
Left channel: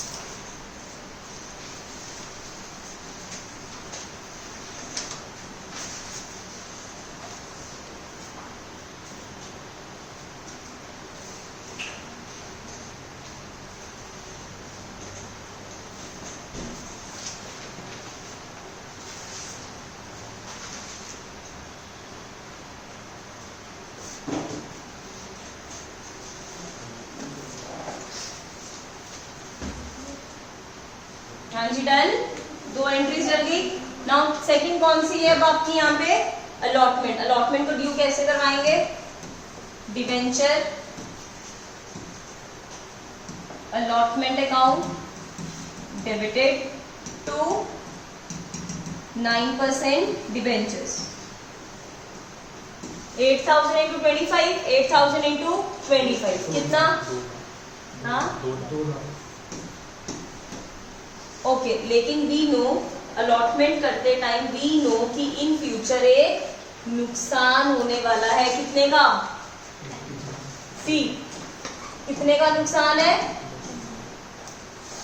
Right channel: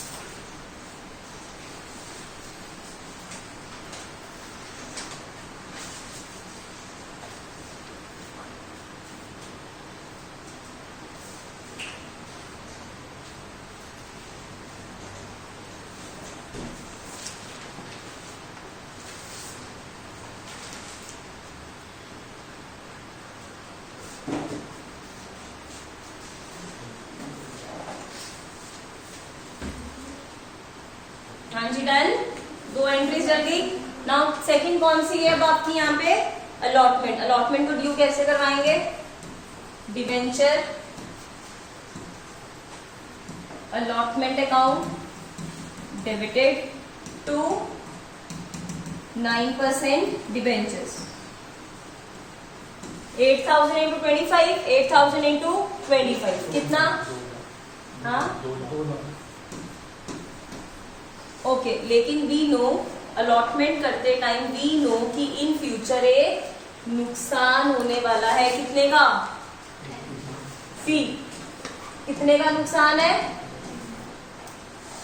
हाँ जी डन, 2 एंट्रीज लग गई। नाउ सेकंड कौन सी है अब आपकी यहाँ पे? अलॉटमेंट। अलॉटमेंट को ड्यू कैसे करवाएंगे? Debenture allotment account debited to 9% debentures. 8,000 into 25, 8,000 into 25 कितना? हाँ ओके, लेकिन वी नो अलॉटमेंट करते टाइम वी नो कि इन फ्यूचर एक नुकसान होने वाला है। कितने का? फी। कितने का नुकसान है?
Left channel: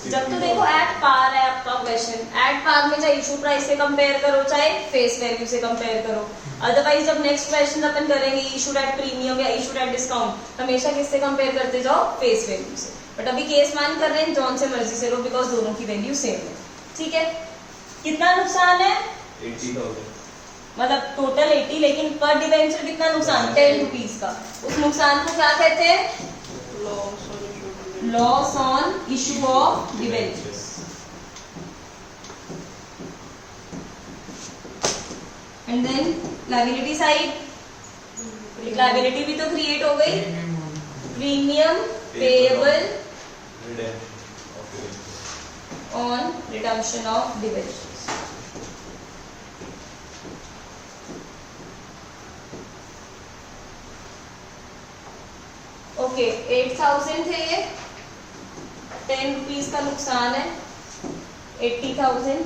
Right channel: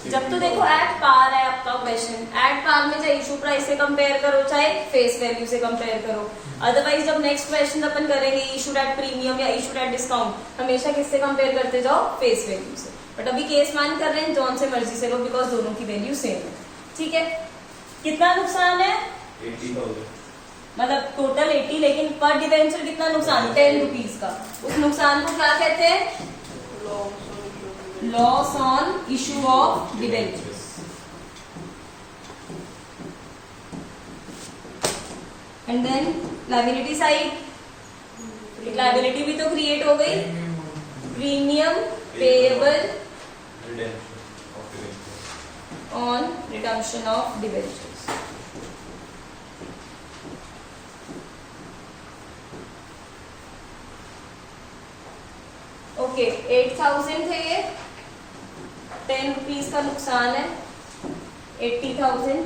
जब तो देखो एट पार है आपका क्वेश्चन, एट पार में चाहे इशू प्राइस से कंपेयर करो चाहे फेस वैल्यू से कंपेयर करो। अदरवाइज जब नेक्स्ट क्वेश्चन अपन करेंगे इशू एट प्रीमियम या इशू एट डिस्काउंट, हमेशा किससे कंपेयर करते जाओ? फेस वैल्यू से। बट अभी केस मान कर रहे हैं जॉन से मर्जी से लो, बिकॉज दोनों की वैल्यू सेम है। ठीक है, कितना नुकसान है? 80,000 मतलब टोटल 80, लेकिन पर डिवेंचर कितना नुकसान? 10 रुपीज का। उस नुकसान को क्या कहते हैं? Loss on issue of debentures. And then liability side, liability भी तो क्रिएट हो गई। Premium payable on redemption of debentures. Okay, 8,000 थे ये, 10 रुपीज का नुकसान है। 80,000,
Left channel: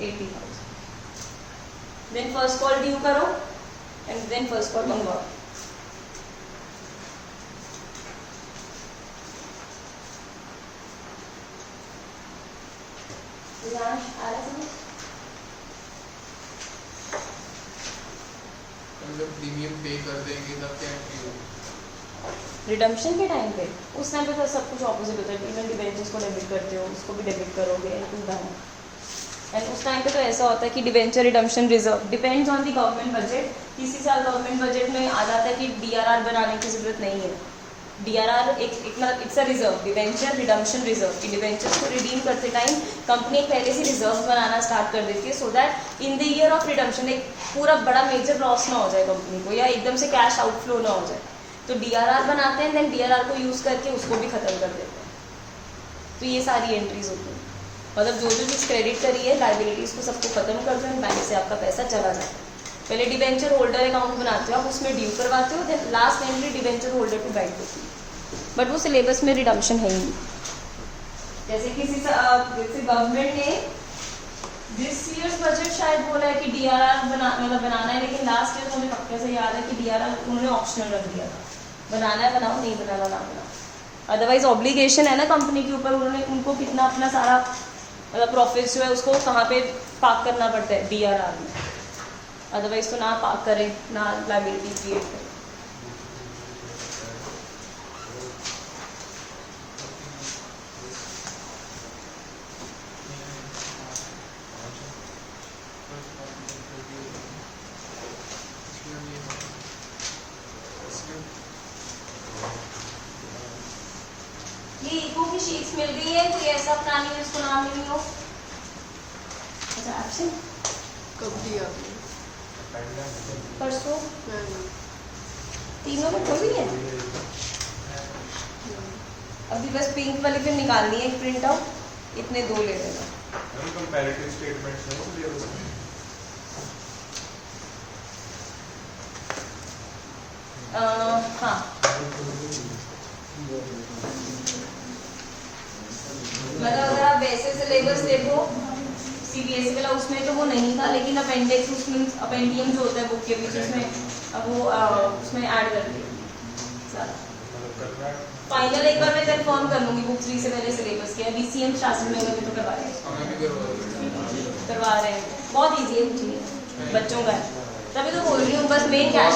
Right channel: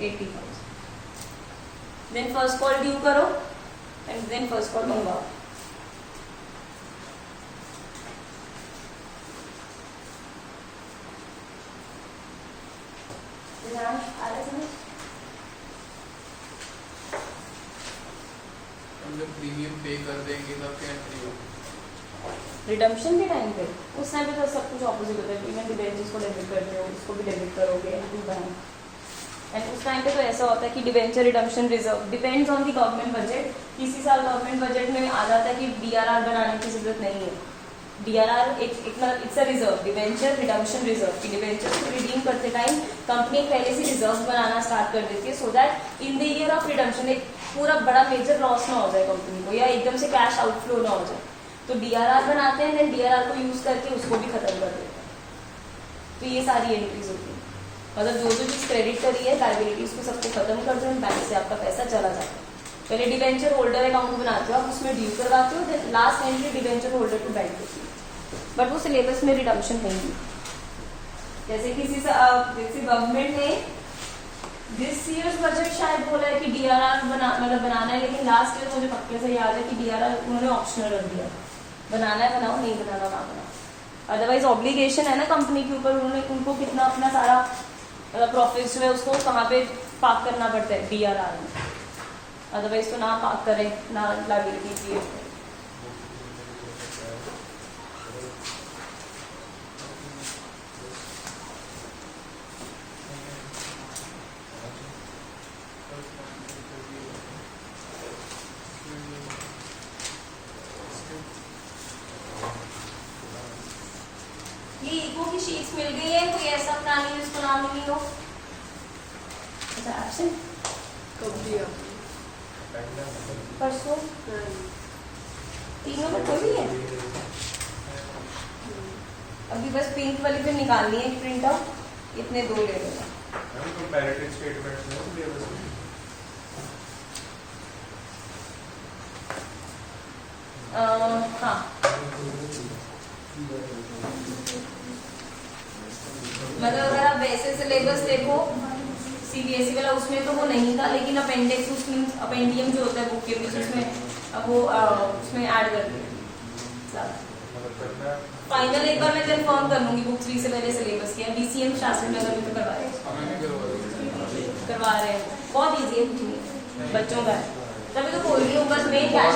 80,000। देन फर्स्ट कॉल ड्यू करो एंड देन फर्स्ट कॉल मंगवाओ। प्रीमियम पे कर देंगे तब क्या होगा? रिडम्पशन के टाइम पे उस टाइम पे तो सब कुछ ऑपोजिट होता है। इवन डिवेंचर्स को डेबिट करते हो, उसको भी डेबिट करोगे टू बैंक। एंड उस टाइम पे तो ऐसा होता है कि debenture redemption reserve depends on the government budget. किसी साल गवर्नमेंट बजट में आ जाता है कि डीआरआर बनाने की जरूरत नहीं है। डीआरआर एक मतलब it's a reserve, debenture redemption reserve. की डिवेंचर्स को रिडीम करते टाइम कंपनी पहले से रिजर्व बनाना स्टार्ट कर देती है, so that in the year of redemption एक पूरा बड़ा मेजर लॉस ना हो जाए कंपनी को, या एकदम से कैश आउटफ्लो ना हो जाए। तो डीआरआर बनाते हैं, देन डीआरआर को यूज करके उसको भी खत्म कर देते हैं। तो ये सारी एंट्रीज होती हैं, मतलब जो चीज क्रेडिट करी है लायबिलिटीज को सबको खत्म कर दो, बैंक से आपका पैसा चला जाता है। पहले डिवेंचर होल्डर अकाउंट बनाते हो आप, उसमें ड्यू करवाते हो, then last entry debenture holder to bank होती है। बट वो सिलेबस में रिडम्पशन है ही नहीं। जैसे किसी जैसे गवर्नमेंट ने दिस ईयर्स बजट शायद बोला है कि डीआरआर बनाना है, लेकिन लास्ट ईयर मुझे पक्के से याद है कि डीआरआर उन्होंने ऑप्शनल रख दिया था। बनाना है बनाओ, नहीं बनाना ना बनाओ। अदरवाइज ऑब्लिगेशन है ना कंपनी के ऊपर, उन्होंने उनको कितना अपना सारा मतलब प्रॉफिट जो है उसको कहाँ पे पार्क करना पड़ता है? डीआरआर में। अदरवाइज तो ना पार्क करें, ना लायबिलिटी क्रिएट करें। ये इको की शीट्स मिल गई है, कोई ऐसा पुरानी जिसको नाम नहीं हो? अच्छा एक्शन कब दिया? परसों तीनों में कोई भी है? अभी बस पिंक वाली पे निकालनी है प्रिंट आउट, इतने 2 ले रहे हैं। कंपैरेटिव स्टेटमेंट्स में सिलेबस में हाँ, मतलब अगर आप वैसे सिलेबस देखो सीबीएसई वाला, उसमें तो वो नहीं था, लेकिन अपेंडिक्स उसमें अपेंडियम जो होता है बुक के बीच उसमें अब वो उसमें ऐड कर दिया। फाइनल एक बार मैं कंफर्म कर लूंगी बुक 3 से पहले सिलेबस के। बीसीएम शास्त्री नगर में तो करवा रहे हैं, बहुत ईजी है, कुछ नहीं बच्चों का। तभी तो बोल रही हूँ, बस मेन कैश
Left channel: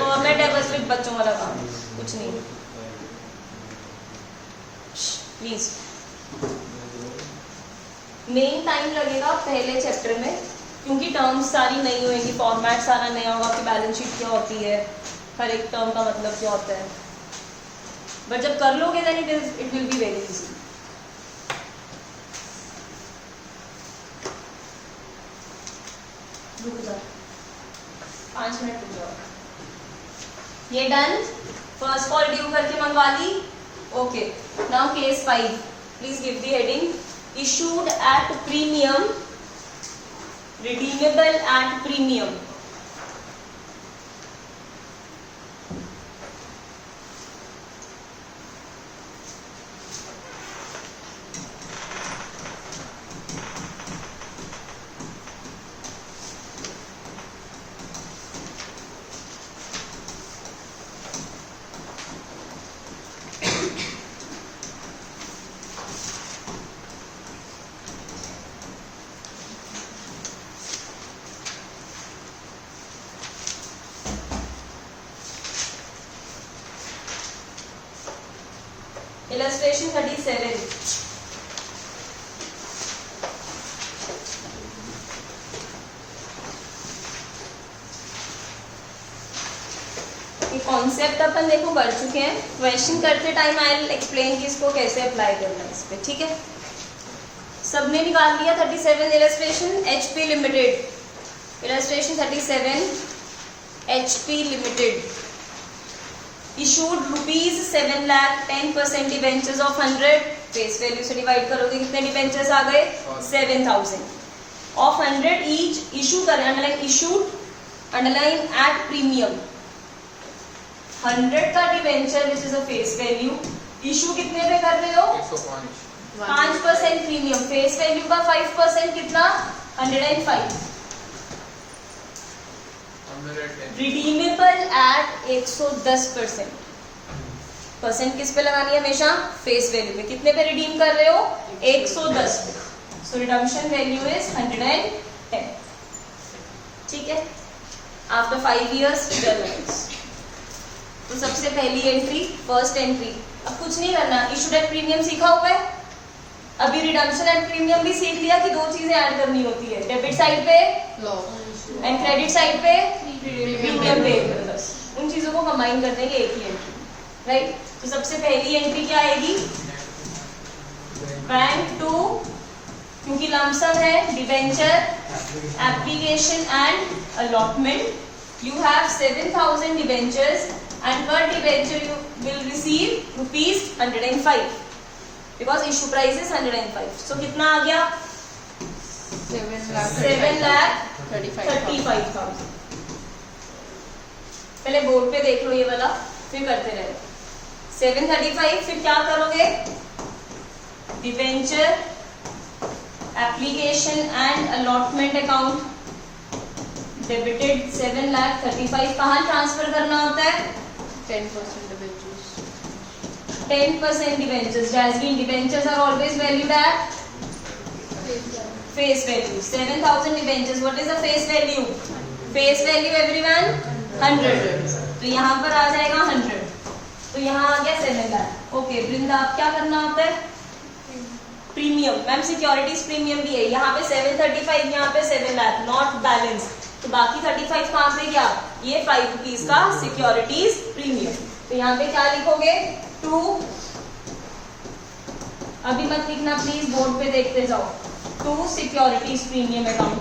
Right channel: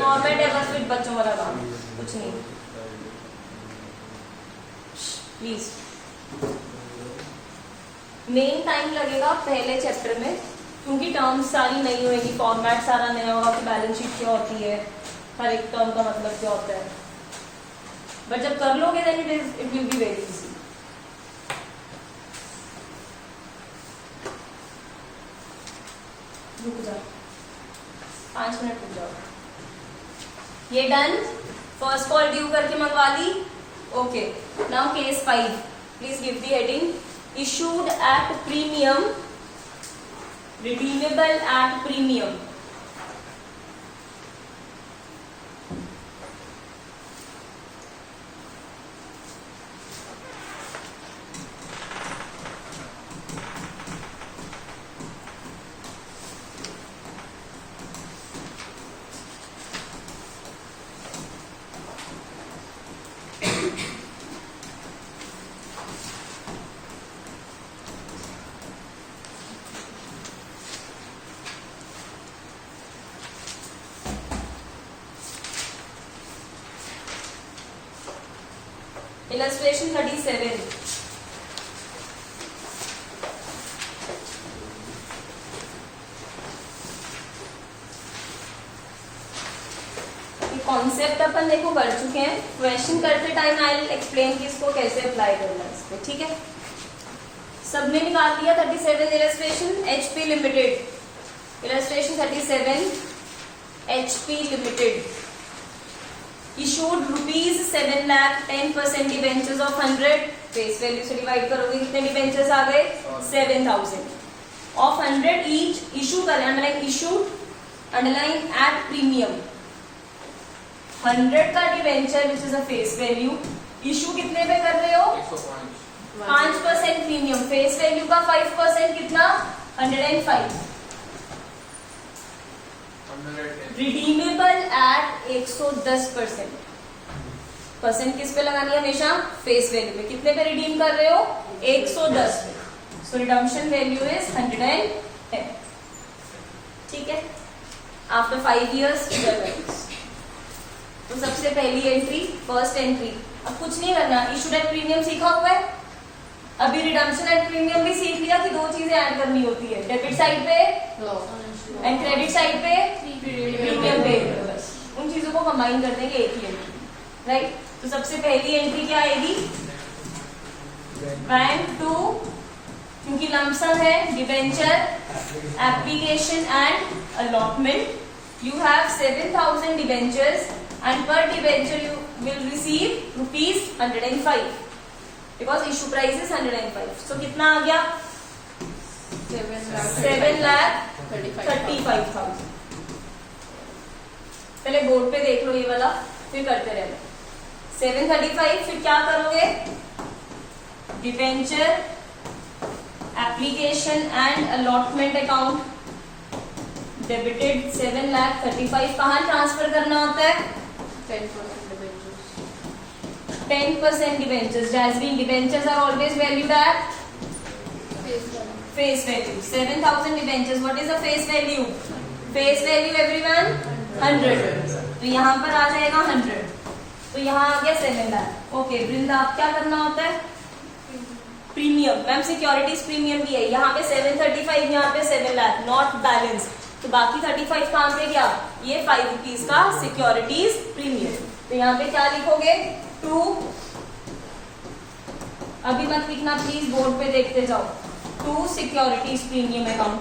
फॉर्मेट है, बस फिर बच्चों वाला काम, कुछ नहीं। प्लीज मेन टाइम लगेगा पहले चैप्टर में, क्योंकि टर्म्स सारी नई होगी, फॉर्मेट सारा नया होगा कि बैलेंस शीट क्या होती है, हर एक टर्म का मतलब क्या होता है। बट जब कर लोगे then it will be very easy. रुक जाओ, 5 मिनट रुक जाओ। ये डन, फर्स्ट कॉल ड्यू करके मंगवा ली। Okay, now case 5, please give the heading, issued at premium, redeemable at premium. Illustration 37. ये कॉन्सेप्ट अपन देखो बढ़ चुके हैं, क्वेश्चन करते टाइम आई विल एक्सप्लेन कि इसको कैसे अप्लाई करना है इस पे, ठीक है। सबने निकाल लिया 37 illustration, HP limited. Illustration 37, HP limited issued rupees 7 lakh 10% debentures of 100, face value से डिवाइड करोगे कितने डिबेंचर्स आ गए, 7000 of 100 each, इशू करें, underline issued, underline at premium. 100 का debenture which is a face value, issue कितने पे कर रहे हो, 105 5% प्रीमियम, फेस वैल्यू का 5% कितना, 105, रिडीमेबल एट 110%। परसेंट किस पे लगानी है हमेशा, फेस वैल्यू में। कितने पे रिडीम कर रहे हो, 110 पे। सो रिडम्पशन वैल्यू इज 110, ठीक है। आफ्टर 5 years तो सबसे पहली एंट्री, फर्स्ट एंट्री, अब कुछ नहीं करना, इशूड एट प्रीमियम सीखा हुआ है, अभी रिडम्पशन एट प्रीमियम भी सीख लिया कि 2 चीजें ऐड करनी होती है, डेबिट साइड पे एंड क्रेडिट साइड पे प्रीमियम पे, बस उन चीजों को कंबाइन कर देंगे एक ही एंट्री, राइट। तो सबसे पहली एंट्री क्या आएगी, बैंक टू, क्योंकि लमसम है, debenture, application and allotment. You have 7000 debentures and per debenture you will receive ₹105 because issue price is 105। सो कितना आ गया, 7,35,000। पहले बोर्ड पे देख लो ये वाला, फिर करते रहे। 735, फिर क्या करोगे, debenture, application and allotment account, debited 7,35,000। कहाँ ट्रांसफर करना होता है, 10% debentures, dazzling debentures are always valued at face value. 7,000 debentures, what is the face value, face value everyone 100, तो यहाँ पर आ जाएगा 100, तो यहाँ आ गया 7 लाख। ओके वृंदा, आप क्या करना होता है, प्रीमियम, मैम सिक्योरिटीज प्रीमियम भी है, यहाँ पे 735, यहाँ पे 7 लाख, नॉट बैलेंस, तो बाकी 35 कहाँ पे गया, ये 5 रुपीज का सिक्योरिटीज प्रीमियम। तो यहाँ पे क्या लिखोगे, 2, अभी मत लिखना प्लीज, बोर्ड पे देखते जाओ, 2 सिक्योरिटीज प्रीमियम अकाउंट।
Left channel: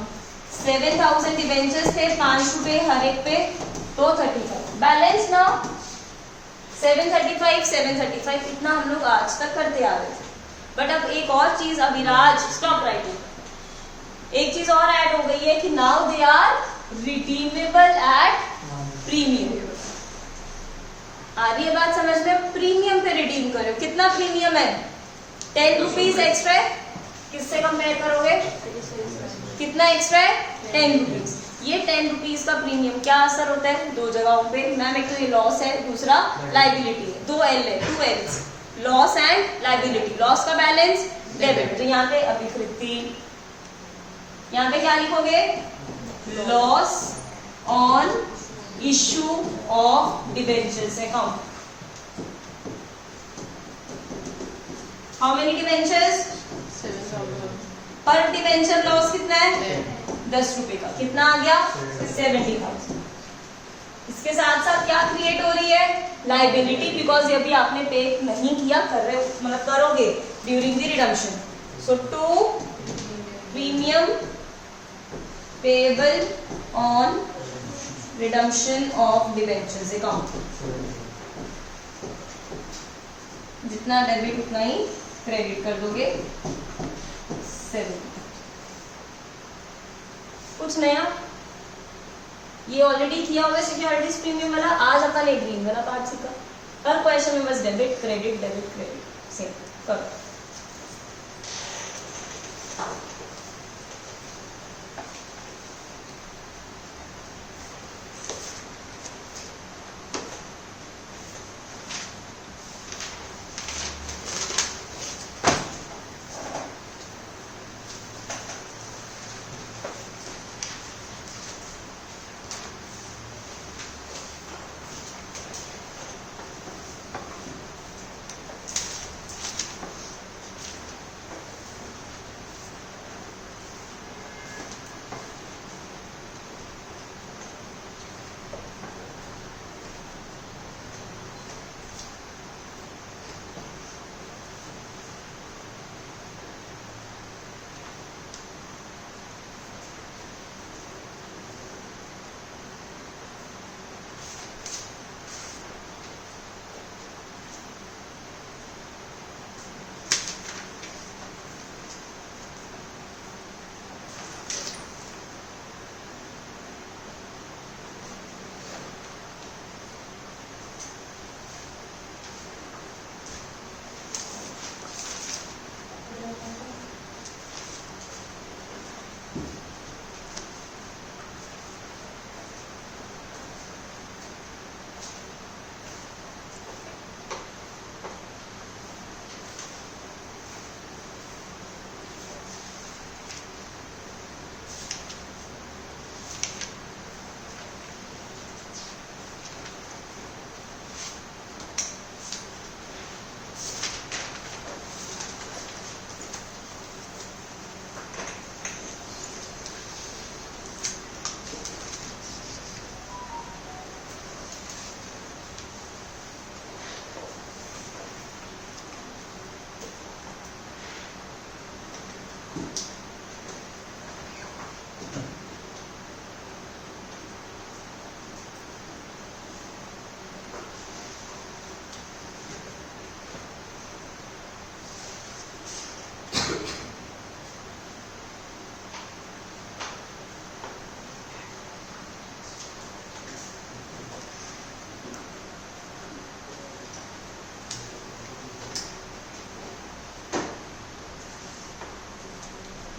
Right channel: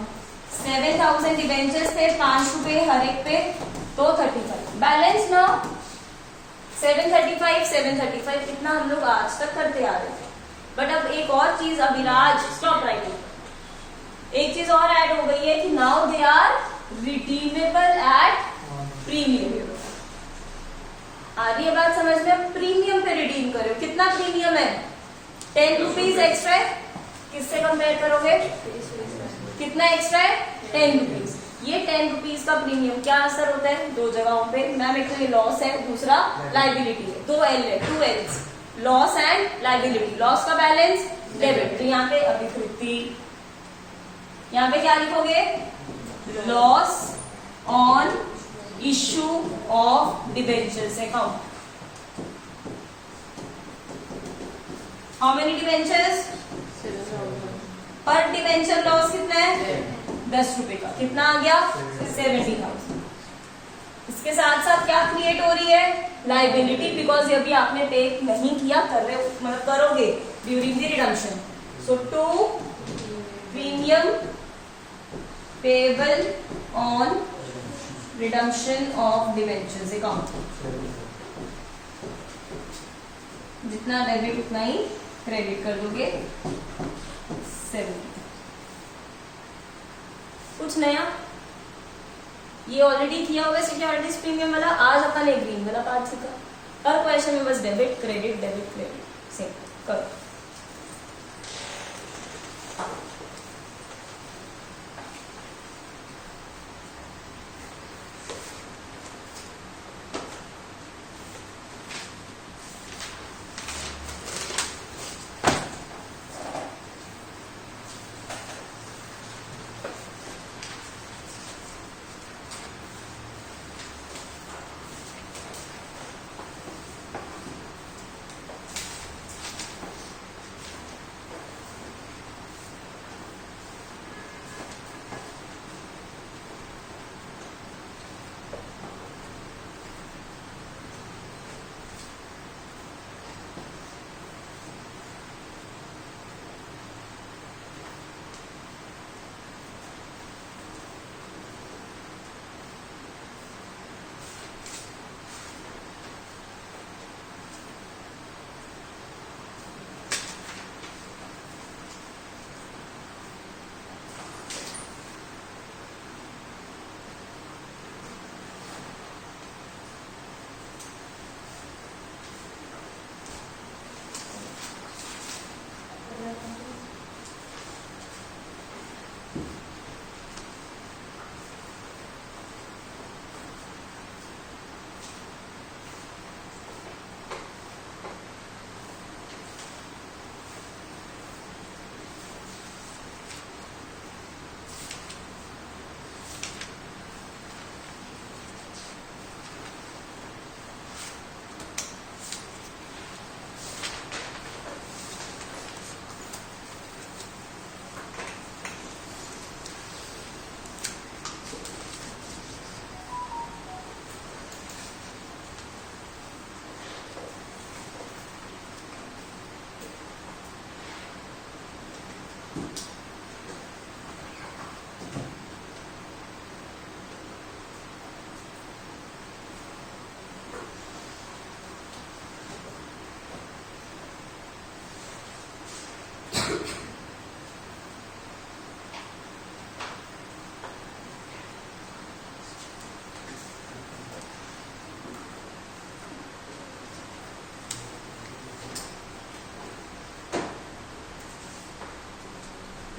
7,000 डिबेंचर्स थे, 5 रुपए हर एक पे, तो 35 बैलेंस ना, 735 इतना हम लोग आज तक करते आ रहे थे। बट अब एक और चीज, अभिराज स्टॉप राइटिंग, एक चीज और ऐड हो गई है कि now they are redeemable at premium. आ रही है बात समझ में, प्रीमियम पे रिडीम करो, कितना प्रीमियम है, 10 रुपीज एक्स्ट्रा। किससे कंपेयर करोगे, कितना एक्स्ट्रा है, 10 रुपीज। ये 10 रुपीज का प्रीमियम क्या असर होता है, 2 जगहों पे मैम, एक तो ये लॉस है, दूसरा लाइबिलिटी है, 2 L है, 2 L's, loss and liability. Loss का बैलेंस डेबिट, तो यहाँ पे अभी 50, यहाँ पे क्या लिखोगे, loss on issue of debentures account. How many debentures, पर डिबेंचर लॉस कितना है, 10 रुपए का, कितना आ गया, 70,000। इसके साथ साथ क्या क्रिएट हो रही है, लाइबिलिटी, बिकॉज ये अभी आपने पे नहीं किया, कर रहे हो, मतलब करोगे during the redemption. So 2 premium payable on redemption of debentures account, जितना डेबिट उतना ही क्रेडिट कर दोगे 7। कुछ नया? ये ऑलरेडी किया हुआ सिक्योरिटीज प्रीमियम वाला, आज अपन एक ग्रीन वाला पार्ट सीखा। हर क्वेश्चन में बस डेबिट क्रेडिट सेम करो।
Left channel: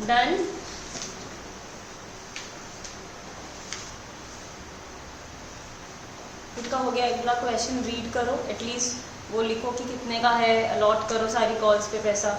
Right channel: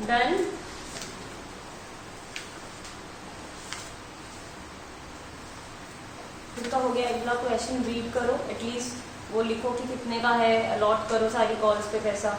डन। इतना हो गया। अगला क्वेश्चन रीड करो, एटलीस्ट वो लिखो कि कितने का है, अलॉट करो सारी कॉल्स पे पैसा।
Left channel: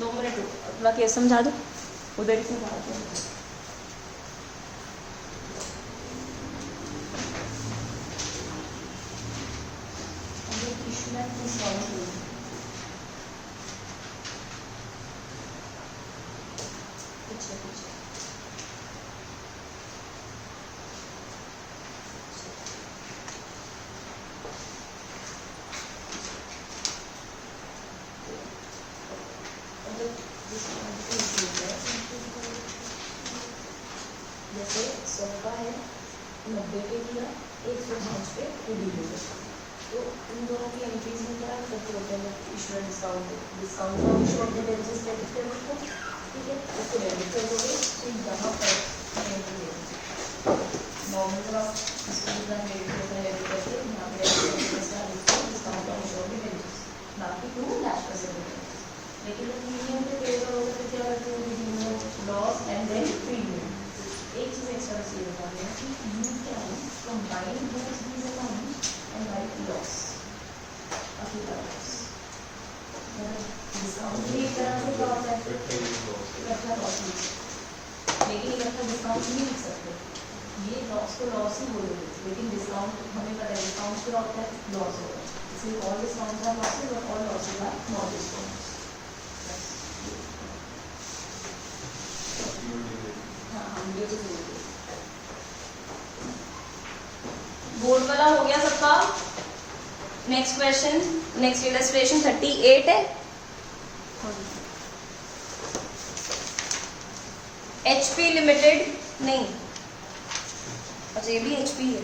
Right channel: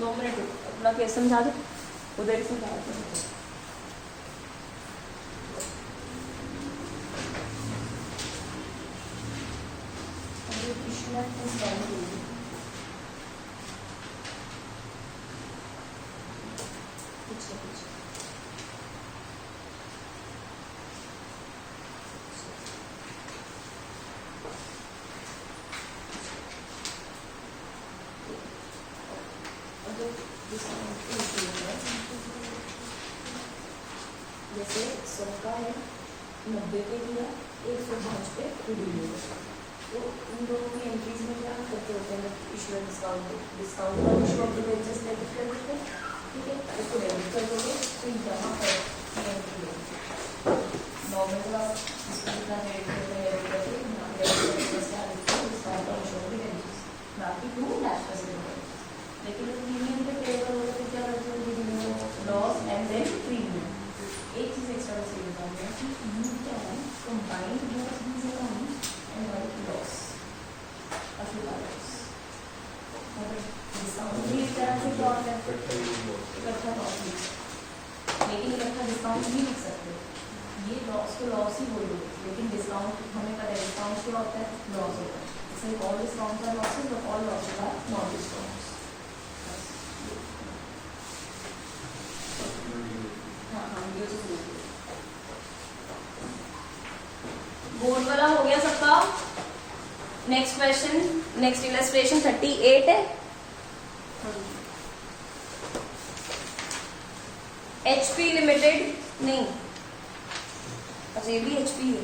दो मिनट अगला केस समझा दो, उधर ही समझा दो। जैसे 100 का है, 90 पे दिया, 105 पे रिडीम हो गया, तो उन दोनों की एंट्रीज में जरा करते होते हैं इशूअर डिस्काउंट का issue of the wages debit कर देते हैं, ठीक है, उसको डेबिट कर दोगे तो यहाँ पर एंट्री होगी। नॉर्मल का इसको जितना रेट करते हैं करके यहाँ पे डिस्काउंट और इशू ऑफ द वेजेस बाकी टू डैश का से होता है। लेकिन लोग प्रीमियम पे पे करोगे तो क्या करते हो, लॉस एंड देन प्रीमियम। एक चीज़ एक्स्ट्रा तरह से क्या होता है इकट्ठा लॉस, लेकिन इकट्ठा डिस्काउंट नहीं लिख सकते, ये लॉस को लॉस ही बोलोगे, लेकिन डिस्काउंट हमें पता है डिस्काउंट क्या होता है, लॉस होता है, इसलिए ऑल डिस्काउंट्स आर लॉसेस और all losses are not discounts. हाँ हाँ बोर्ड वाला हो गया सबका। नेक्स्ट क्वेश्चन, नेक्स्ट इलस्ट्रेशन 38 है। HP लिमिटेड नहीं, अच्छा ये भी HP है।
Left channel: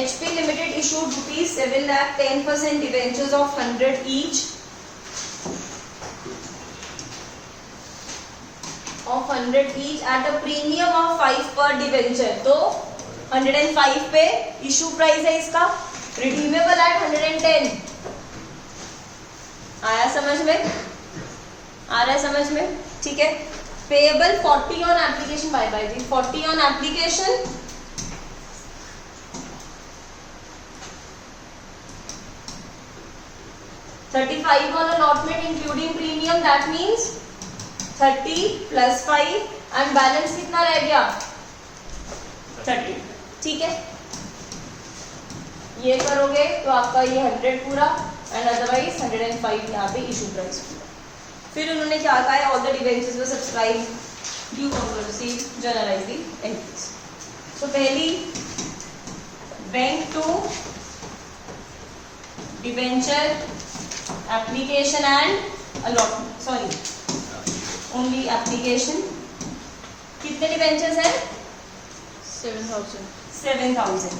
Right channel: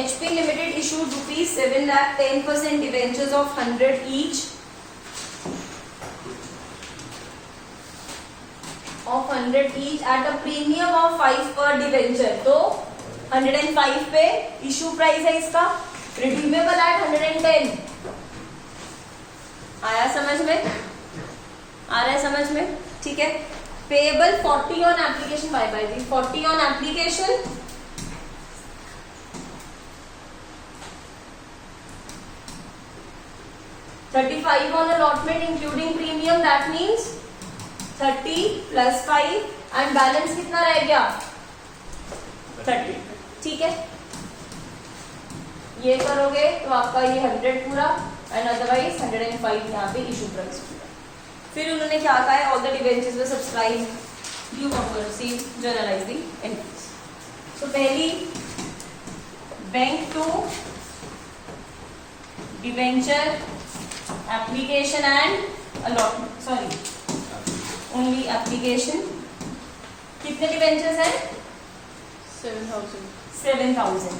HP limited issued ₹7 lakh 10% debentures of 100 each at a premium of 5 per debenture। तो 105 पे इशू प्राइस है इसका, रिडीमेबल एट 110। आया समझ में? आ रहा है समझ में? ठीक है। Payable 40 on application, bye bye जी, 40 on application, 35 on allotment including premium, that means 30 plus 5 and balance कितना रह गया 30। ठीक है, ये करोगे तो आपका ये 100 पूरा एंड अदरवाइज 105 यहाँ पे इशू प्राइस पूरा। फिर उन्होंने क्या कहा है, all the debentures were subscribed due compulsory journalise the entries. तो पहली bank to debenture application and allotment, sorry only application. कितने डिबेंचर्स हैं? 7,000।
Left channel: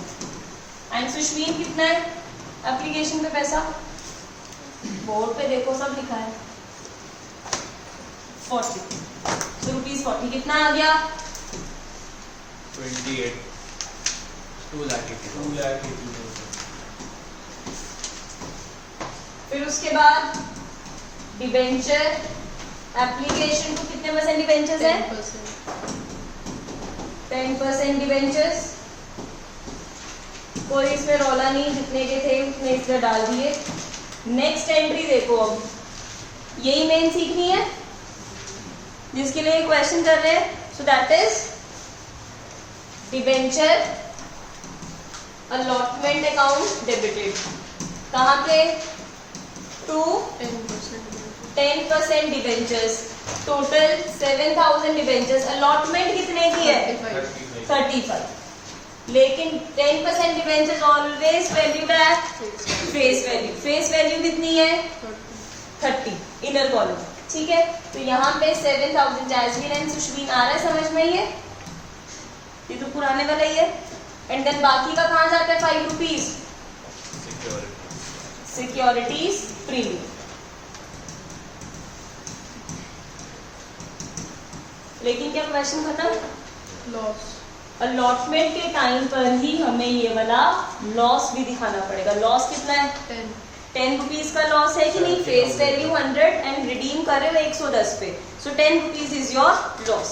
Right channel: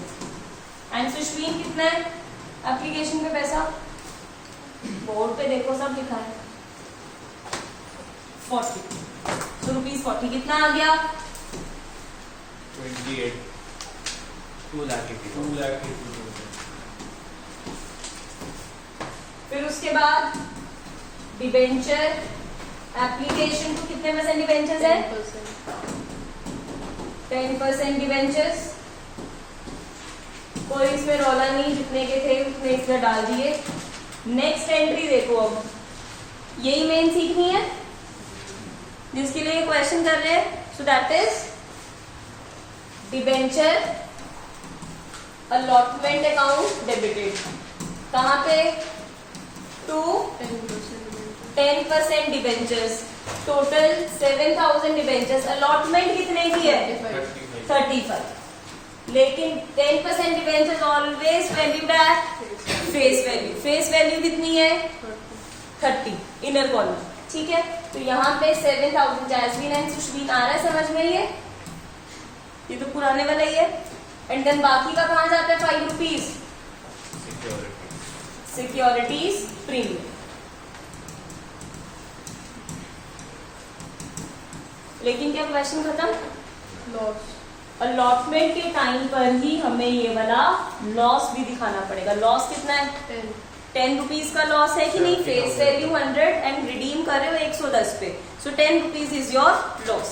एंड सुश्मीन कितना है एप्लीकेशन पे पैसा? बोर्ड पे देखो सब लिखा है 40। सो ₹40 कितना आ गया? 28, 2 लाख। फिर उसके बाद डिबेंचर एप्लीकेशन को कितने परसेंट डिबेंचर्स है? 10% डिबेंचर्स। कोई इसमें रौला नहीं, जितने के थे उतने इसमें डाल दिए। नेक्स्ट एंट्री देखो, अब यही मेन सीखनी है जिसके लिए क्वेश्चन कर रहे हैं। So that is debenture allotment account debited. कहां पे? To 10% debentures, total 7,000 debentures. Allotment कितने की है? 35। लेकिन 10% debentures always valued at face value. Face value कितनी है? 30, इनर कॉलम। ठीक है, तो यहाँ पे 7,000 जैस्मीन एंड सुश्मीन आ रहा है समझ में? ये तो पुराने वाला ही है। एंड देन बाकी का कहाँ जाता है? ₹5 सिक्योरिटीज प्रीमियम। लेकिन क्या क्वेश्चन खत्म? लॉस। अलॉटमेंट के टाइम पर ही हमें ये वाला लॉस भी दिखाना पड़ेगा। लॉस कितना है? 10 रुपीज का लॉस है कि नहीं? फेस वैल्यू 100 एंड रिडीम कर रहे हो 110 पे, सो 10 रुपीज इज योर लॉस।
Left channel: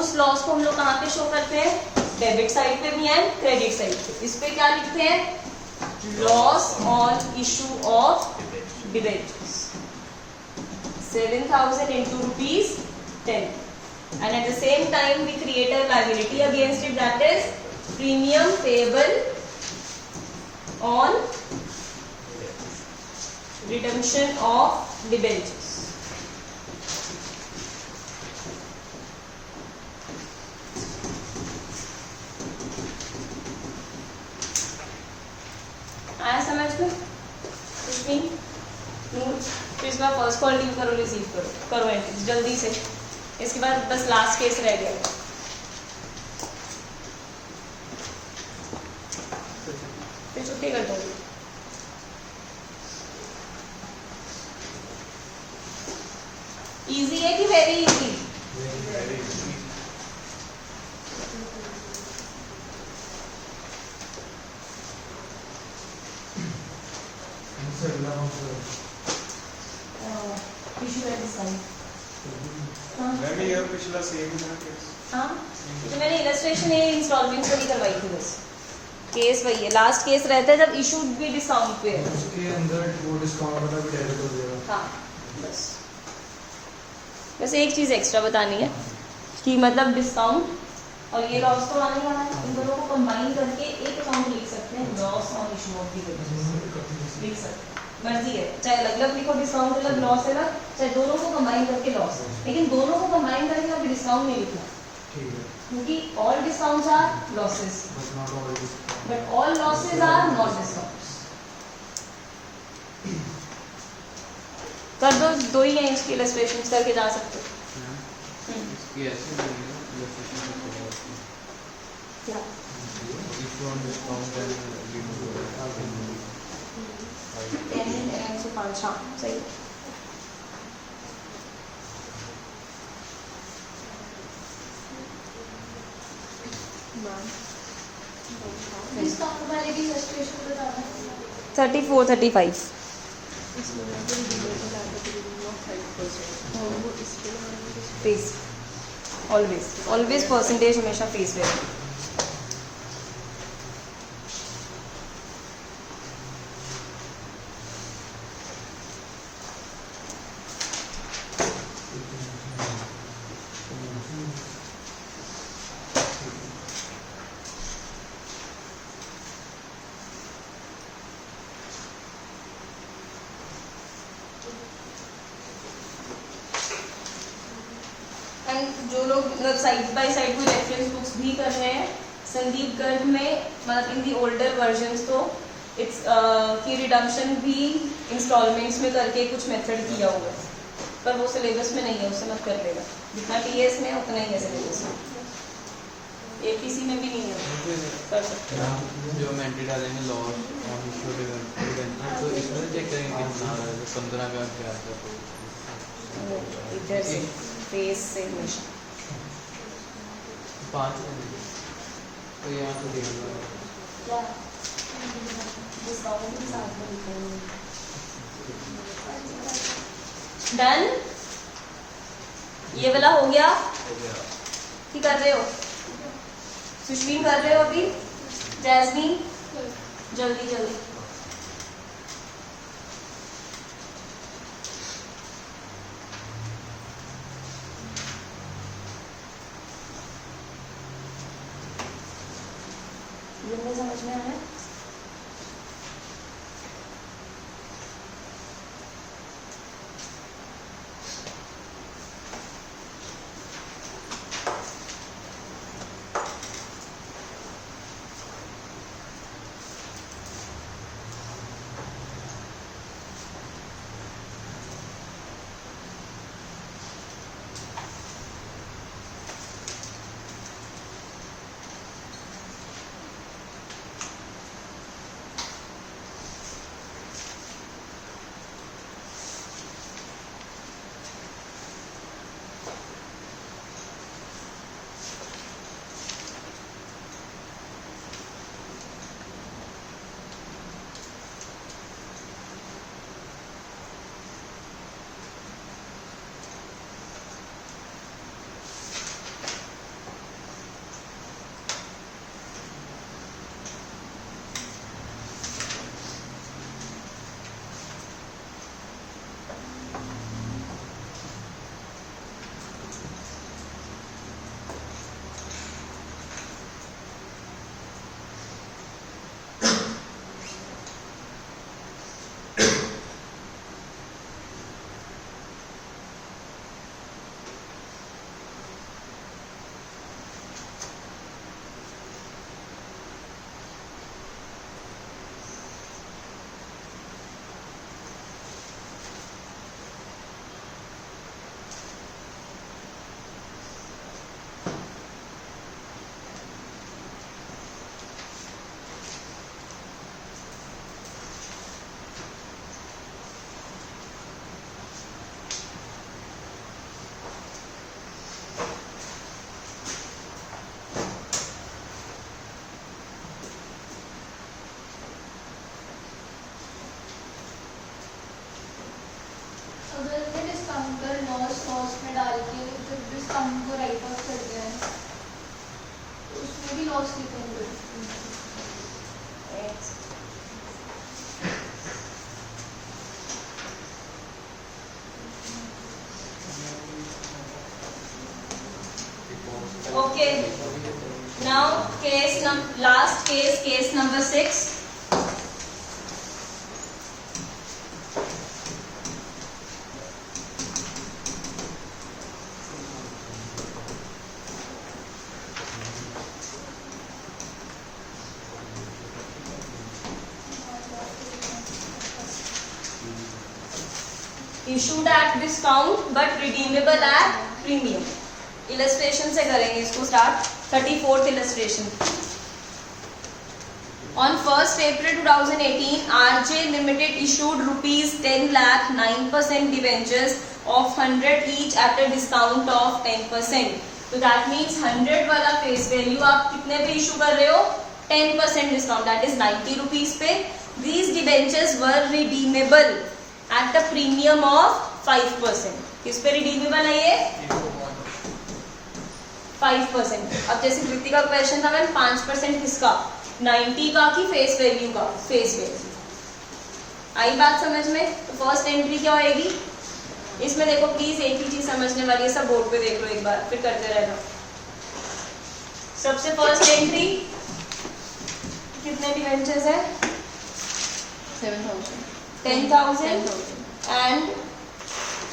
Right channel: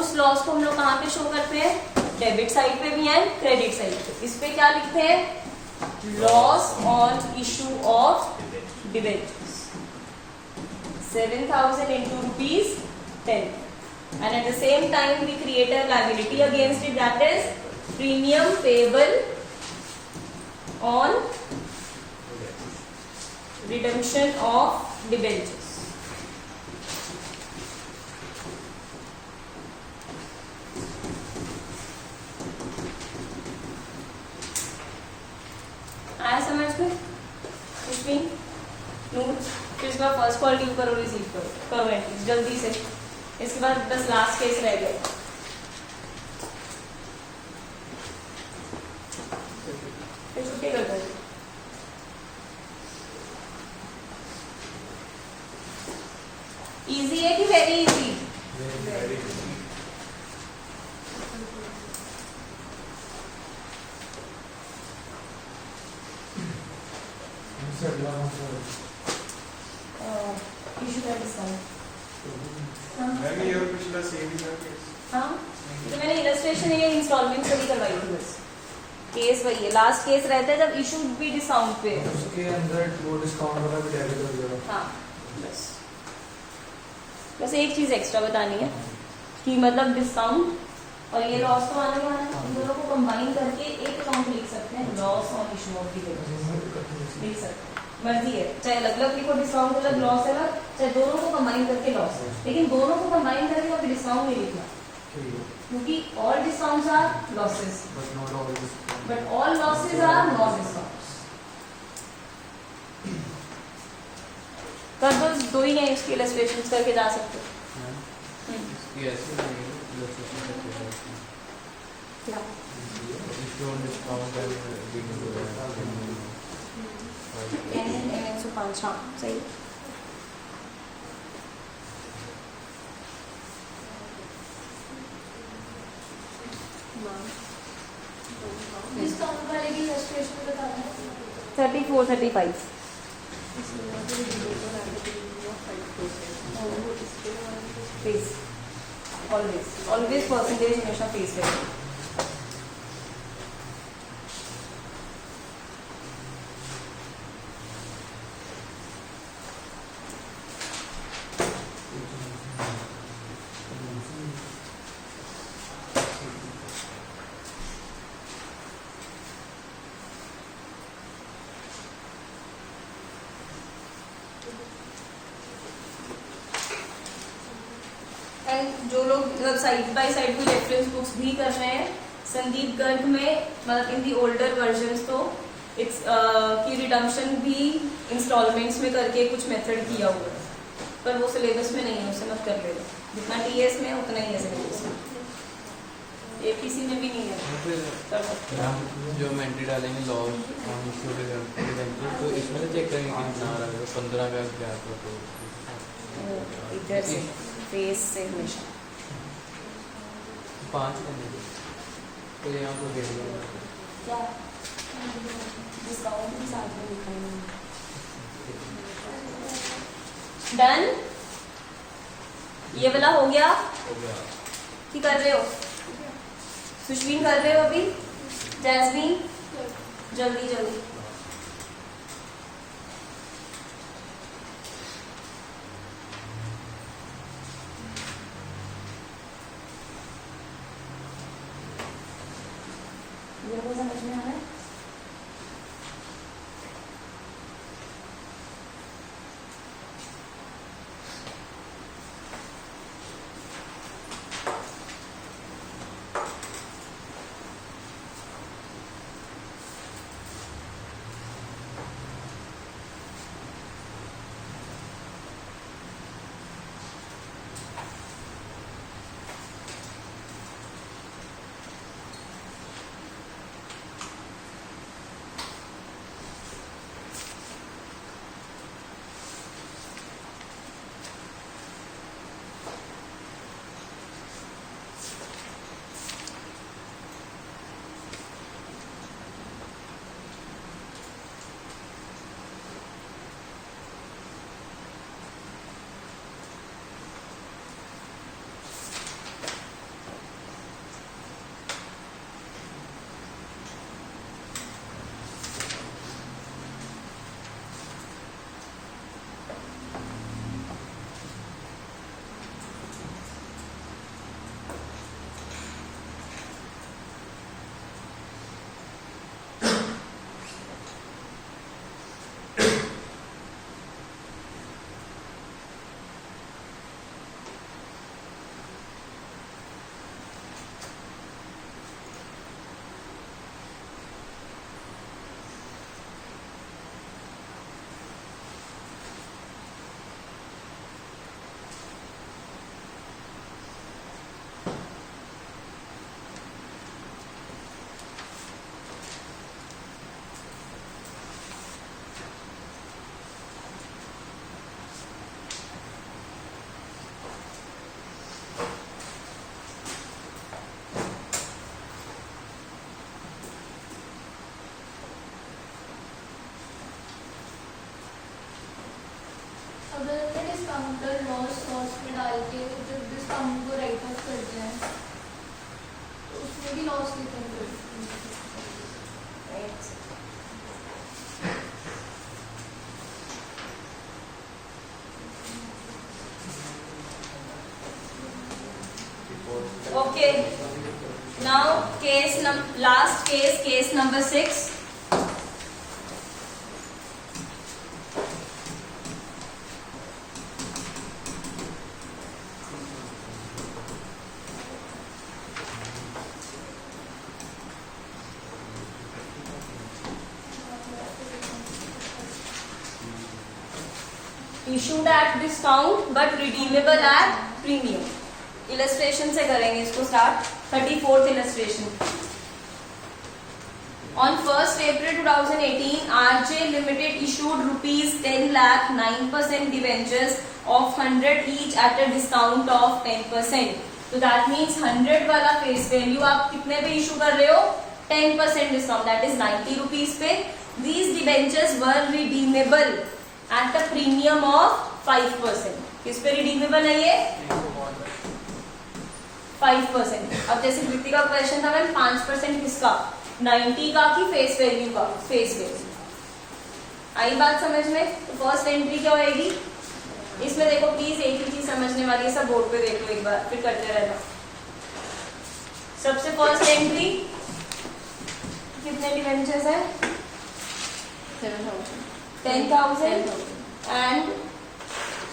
उस लॉस को हम लोग कहाँ पे शो करते हैं? डेबिट साइड पे भी है, क्रेडिट साइड पे। इस पे क्या लिखते हैं? Loss on issue of debentures. 7,000 into ₹10, and at the same time we create a liability against it, that is premium payable on redemption of debentures. आया समझ में? इसमें नोट, फिर इसके बाद फर्स्ट कॉल ड्यू करो, रिसीव करो एंट्रीज जल्दी से। इसके बाद बस लास्ट केस रह गया। फिर छुट्टी कर दो। इजी है कि वेरी इजी? मैंने ये पिछला सेम ही था केस। हाँ, तो मैंने इलस्ट्रेशन ये इंस्टॉलमेंट से करवाई थी बस। केस वही है, लास्ट केस रहता है जब इशू भी डिस्काउंट पे है, उसके अंदर वो डिस्काउंट वाला भी डेबिट हो जाएगा। हाँ बस। बस एक चीज़ एक्स्ट्रा बतानी है कि मतलब डिस्काउंट और ये लॉस तो आने वाला है, इन दोनों को कंबाइन करके एक अकाउंट लिख सकते हैं, loss on issue of dividends लिख सकते हैं, मर्जी है, चाहे अलग अलग लिखो डिस्काउंट अलग लॉस अलग, चाहे दोनों को कंबाइन करके लॉस, लेकिन दोनों को कंबाइन करके अभी डिस्काउंट नहीं लिखना क्योंकि all discounts are losses but all losses are not discounts. कर दो, दो ही हैं इसकी इलस्ट्रेशन करके जा सकते हो। इसकी ऐसे नहीं है, illustration करके जा सकते हैं। क्या Issue on discount and giving to the N सौ पाँच, हाँ सही। डिस्काउंट वाले की इलस्ट्रेशन बता दें। 34, 35 फेस ऑलवेज ऑलवेज परसेंटेज हमेशा फेस रहेगा। एंड जो लोग साइड बाय साइड कोई रेफरेंस बुक्स भी कर रहे हैं, संदीप गर्ग में मतलब इन दी ओल्डर वर्जन्स तो इट्स की रिडम्पशन भी इंस्टॉलमेंट्स में करके कुछ मेथड किया हुआ है, पर वो सिलेबस में नहीं है, उससे मत कर लेगा, जितना टीएस में उतना ही है सिलेबस में, एपीसी में भी नहीं है, कर सकते हैं। जो मेंटी डालेंगे लॉस ऑन इशू डिविडेंड तो इसमें से चेक करेंगे कितना आ रहा है, 15 का क्या आता है तो इधर से फेस से हमेशा 5 का नहीं तो यहाँ पर देगा क्या डिस्काउंट भी साथ में लिखे हैं। डन, ये वाला हो गया। हो गया। की कर रहे हो सुष्मी, कर रहे हो अभी जैस्मीन, जल्दी जल्दी। जिनको समझ में आ रहा है अगर मैं डिस्काउंटर लॉस में डाल के जो डिस्काउंट को राइट ऑफ कर दिया है तो उसमें भी लॉस रिटर्न कर Okay. Now last case number 6. Issued at discount but redeemable at premium. Illustration से करेंगे इसको start. 34th illustration. On 1st April 2018, RJ Limited issued rupees 10 lakh 9% debentures of 100 each at a discount of 10%. तो that means 100 वाला face value आप कितने पे issue कर रहे हो? 10% discount, that is 90 rupees पे. These debentures were redeemable at a premium of 5%. किस पे redeemable है ये? 5%. अब जैसे कृति का क्वेश्चन था मैम 5% किसका? 90 का कि फेस वैल्यू का? Face value. आई बात समझ में? तो फर्स्ट एंट्री क्या होएगी? इसमें देखो प्लीज एक ही चीज समझने वाली है, सब बोर्ड पे देख लो एक बार, फिर करते रहना. सबसे फर्स्ट एंट्री कितने डिवेंचर्स है? 10,000 and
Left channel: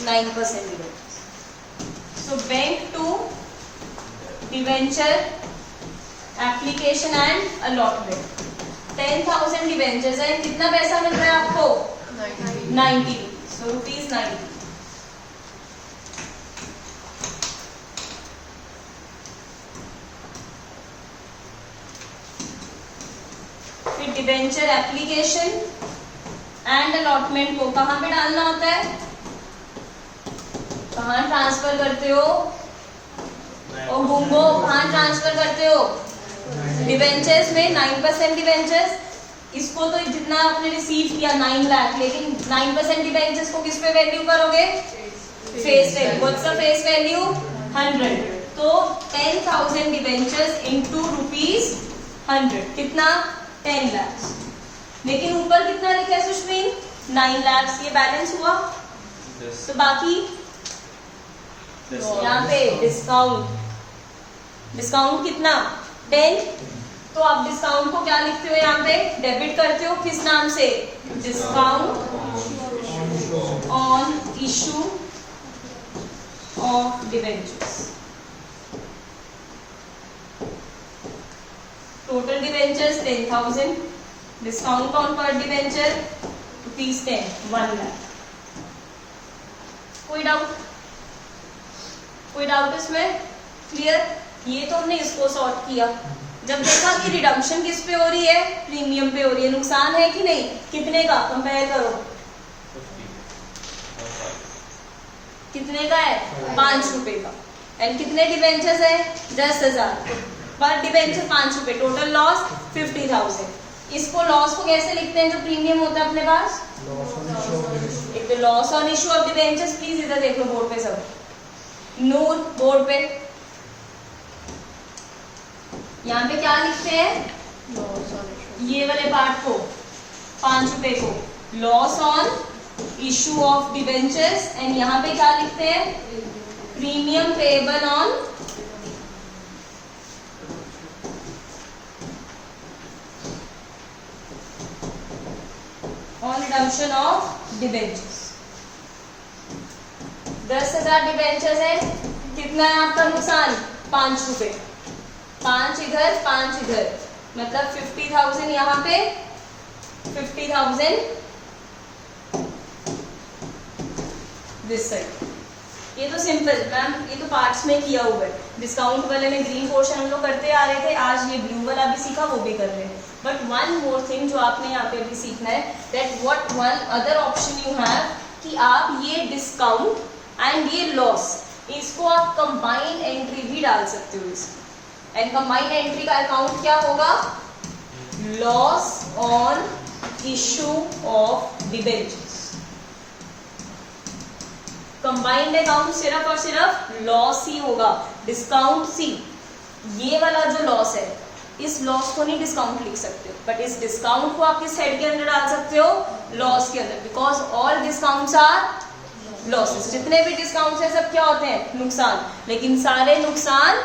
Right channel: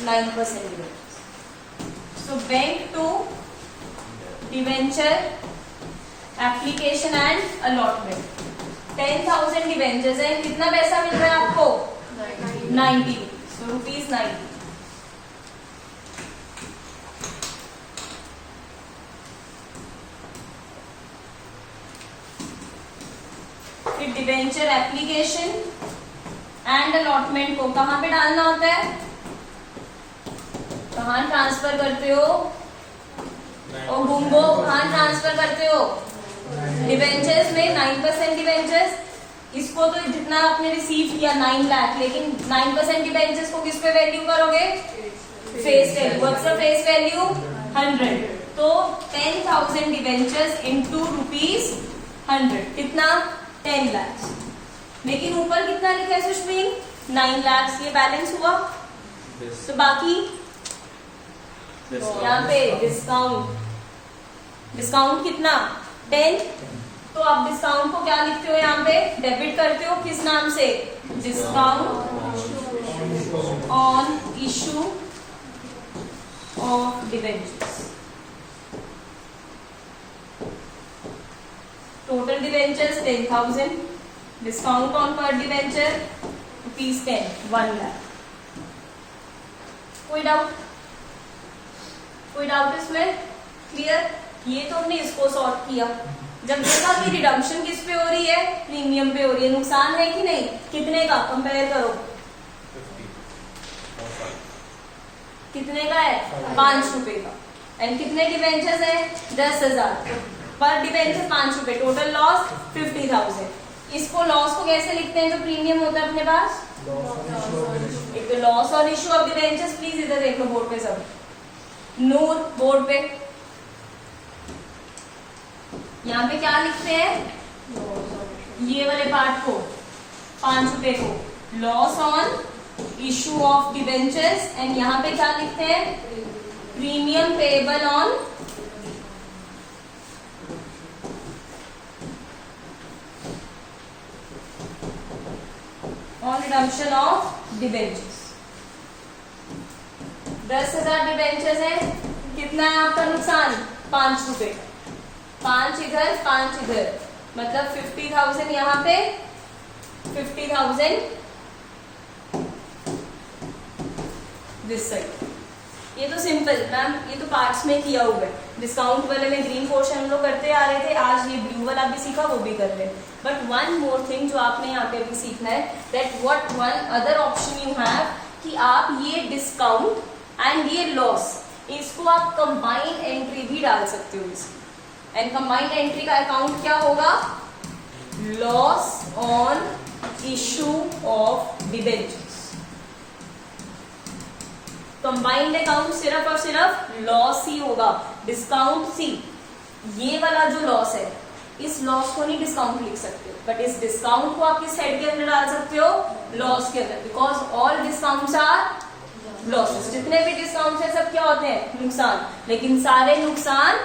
9% debentures. So bank to debenture application and allotment. 10,000 debentures है, कितना पैसा मिल रहा है आपको? 90. So rupees 90. फिर डिवेंचर एप्लीकेशन एंड अलॉटमेंट को कहां पे डालना होता है? कहां ट्रांसफर करते हो? और घूमो कहां ट्रांसफर करते हो? डिवेंचर्स में. 9% डिवेंचर्स, इसको तो जितना आपने रिसीव किया 9 लाख, लेकिन 9% डिवेंचर्स को किस पे वैल्यू करोगे? Face value. What's the face value? 100. तो 10,000 डिवेंचर्स इनटू रुपीज 100 कितना? 10 लाख. लेकिन ऊपर कितना लिखा है सुश्मीन? 9 लाख. ये बैलेंस हुआ. तो बाकी यहाँ पे डिस्काउंट कितना? 10. तो आप डिस्काउंट को क्या लिखते हो? यहाँ पे डेबिट करते हो. किस नाम से? Discount on issue of debentures. Total debentures 10,000. Discount on पर डिवेंचर रुपीज 10, 1 लाख. कोई डाउट इसमें? क्लियर? ये तो हमने इसको सॉर्ट किया. जब देखा कि रिडम्पशन किस पे हो रही है? प्रीमियम पे हो रही है. नुकसान है कि नहीं? कितने का? कंपेयर करो. कितने का है? 5 रुपए का. एंड कितने डिवेंचर्स है? 10,000. पर डिवेंचर 5 रुपए. Total loss 50,000. इसको लॉस को कैसे लिखते हैं जो प्रीमियम होता है अपने पास? एक तो loss on issue of debentures. Please इधर देख लो बोर्ड पे सब. नूर बोर्ड पे यहाँ पे क्या लिखते हैं? ये वाले पार्ट को 5 रुपए को loss on issue of debentures. And यहाँ पे क्या लिखते हैं? Premium payable on redemption of debentures. 10,000 debentures है. कितना है आपका नुकसान? 5 रुपए. 5 इधर 5 इधर, मतलब 50,000 यहाँ पे, 50,000 दिस साइड. ये तो सिंपल मैम, ये तो पार्ट्स में किया हुआ है. डिस्काउंट वाले में ग्रीन पोर्शन हम लोग करते आ रहे थे, आज ये ब्लू वाला भी सीखा, वो भी कर रहे हैं. बट वन मोर थिंग जो आपने यहाँ पे भी सीखना है, that what one other option you have, कि आप ये डिस्काउंट एंड ये लॉस, इसको आप कंबाइंड एंट्री भी डाल सकते हो इसकी. एंड कंबाइंड एंट्री का अकाउंट क्या होगा? Loss on issue of debentures. Combined account सिर्फ और सिर्फ लॉस ही होगा, डिस्काउंट सी. ये वाला जो लॉस है, इस लॉस को नहीं डिस्काउंट लिख सकते हो, बट इस डिस्काउंट को आप किस हेड के अंदर डाल सकते हो? लॉस के अंदर. Because all discounts are losses. जितने भी डिस्काउंट्स है सब क्या होते हैं? नुकसान. लेकिन सारे नुकसान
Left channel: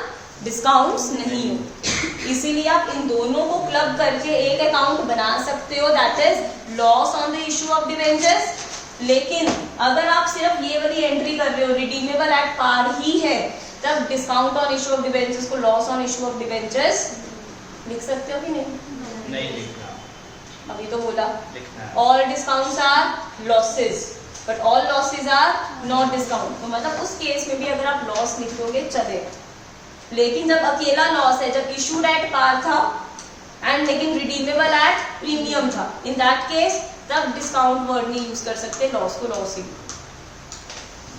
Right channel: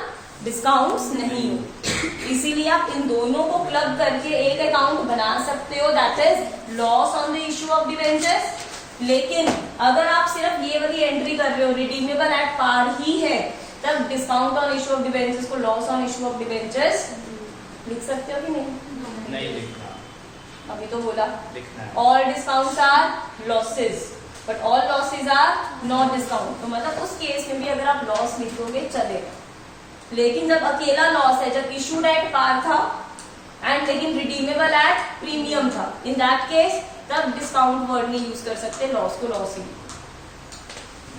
डिस्काउंट्स नहीं हो। इसीलिए आप इन दोनों को क्लब करके एक अकाउंट बना सकते हो, that is loss on the issue of debentures. लेकिन अगर आप सिर्फ ये वाली एंट्री कर रहे हो, रिडीमेबल एट पार ही है, तब discount on issue of debentures को loss on issue of debentures लिख सकते हो कि नहीं? नहीं लिखना, अभी तो बोला लिखना है। All discounts are losses but all losses are not discount. तो मतलब उस केस में भी अगर आप लॉस लिखोगे चलेगा। लेकिन जब अकेला लॉस है, जब इशूड एट पार था एंड लेकिन रिडीमेबल एट प्रीमियम था, इन दैट केस तब डिस्काउंट वर्ड नहीं यूज कर सकते, लॉस को लॉस ही।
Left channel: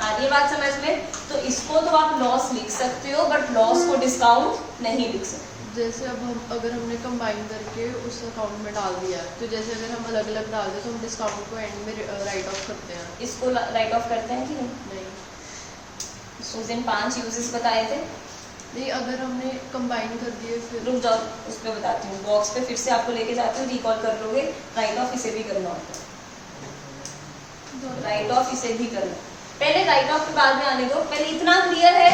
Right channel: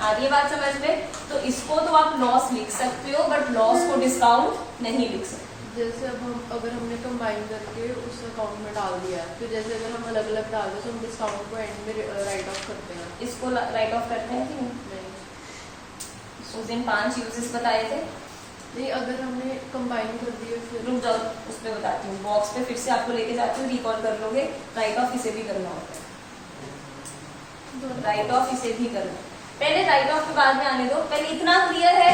आ रही है बात समझ में? तो इसको तो आप लॉस लिख सकते हो बट लॉस को डिस्काउंट नहीं लिख सकते। जैसे अब हम अगर हमने कंबाइन करके उस अकाउंट में डाल दिया है, तो जैसे अगर हम अलग अलग डाल दें तो हम डिस्काउंट को एंड में राइट ऑफ करते हैं। इसको राइट ऑफ करते हैं कि नहीं? नहीं उस दिन 5 यूजेस बताए थे। नहीं, अगर हमने कंबाइन कर दिए फिर रुक जाओ, उस पर बताती हूँ। बॉक्स पे फिर से आपको लेके जाती हूँ, रिकॉल कर लोगे। राइट ऑफ इसे भी करना होता है, राइट ऑफ इसे भी करना। पहले राइट ऑफ के बाद में आने दो, पहले इतना क्लियर है,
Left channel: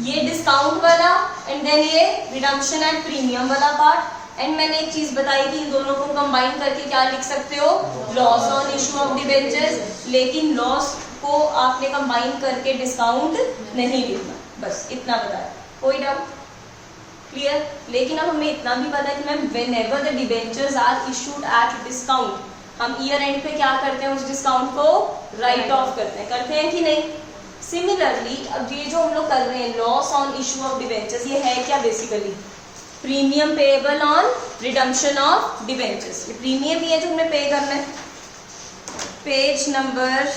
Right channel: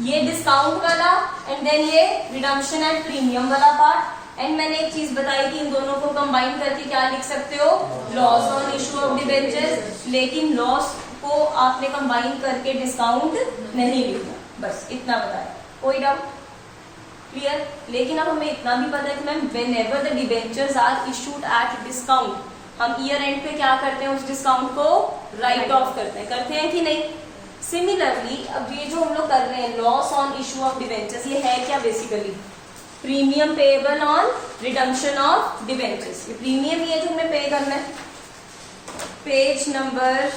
ये डिस्काउंट वाला एंड देन ये रिडम्पशन एंड प्रीमियम वाला पार्ट। एंड मैंने एक चीज बताई कि इन दोनों को कंबाइन करके क्या लिख सकते हो, loss on issue of debentures. लेकिन लॉस को आपने कंबाइन करके डिस्काउंट नहीं लिखना, बस इतना बताया। कोई डाउट? क्लियर? लेकिन अब हमें इतना भी पता है कि ma'am whenever the debentures are issued at discount, हम ईयर एंड पे क्या करते हैं, उस डिस्काउंट को राइट ऑफ करते हैं कि नहीं? सिमिलरली अब ये जो हम लोग कर रहे हैं loss on issue of debentures, ये है क्या basically? Premium payable on redemption of debentures. ये प्रीमियम ही है जो हमने पे करना है। Page number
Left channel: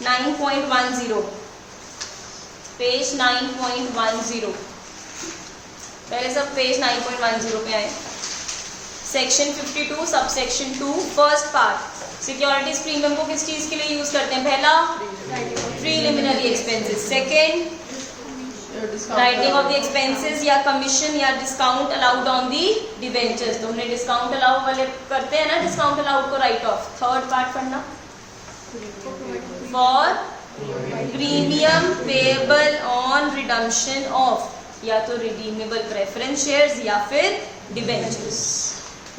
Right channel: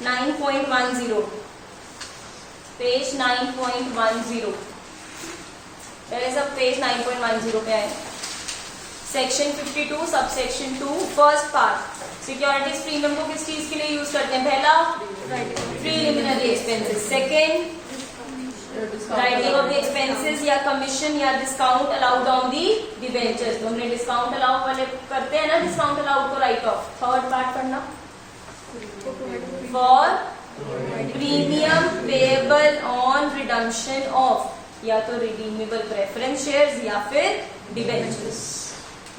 9.10, page 9.10। पहले सब पेज 9.10 पे आए। Section 52 sub section 2 first part, securities premium को किस चीज के लिए यूज करते हैं? पहला preliminary expenses, second writing of the expenses या कमीशन या discount allowed on the debentures. तो हमने डिस्काउंट अलाउ वाले करते हैं ना, डिस्काउंट अलाउड को राइट ऑफ। थर्ड पार्ट पढ़ना, for premium payable on redemption of या तो रिडीमेबल प्रेफरेंस शेयर्स या फिर डिबेंचर्स।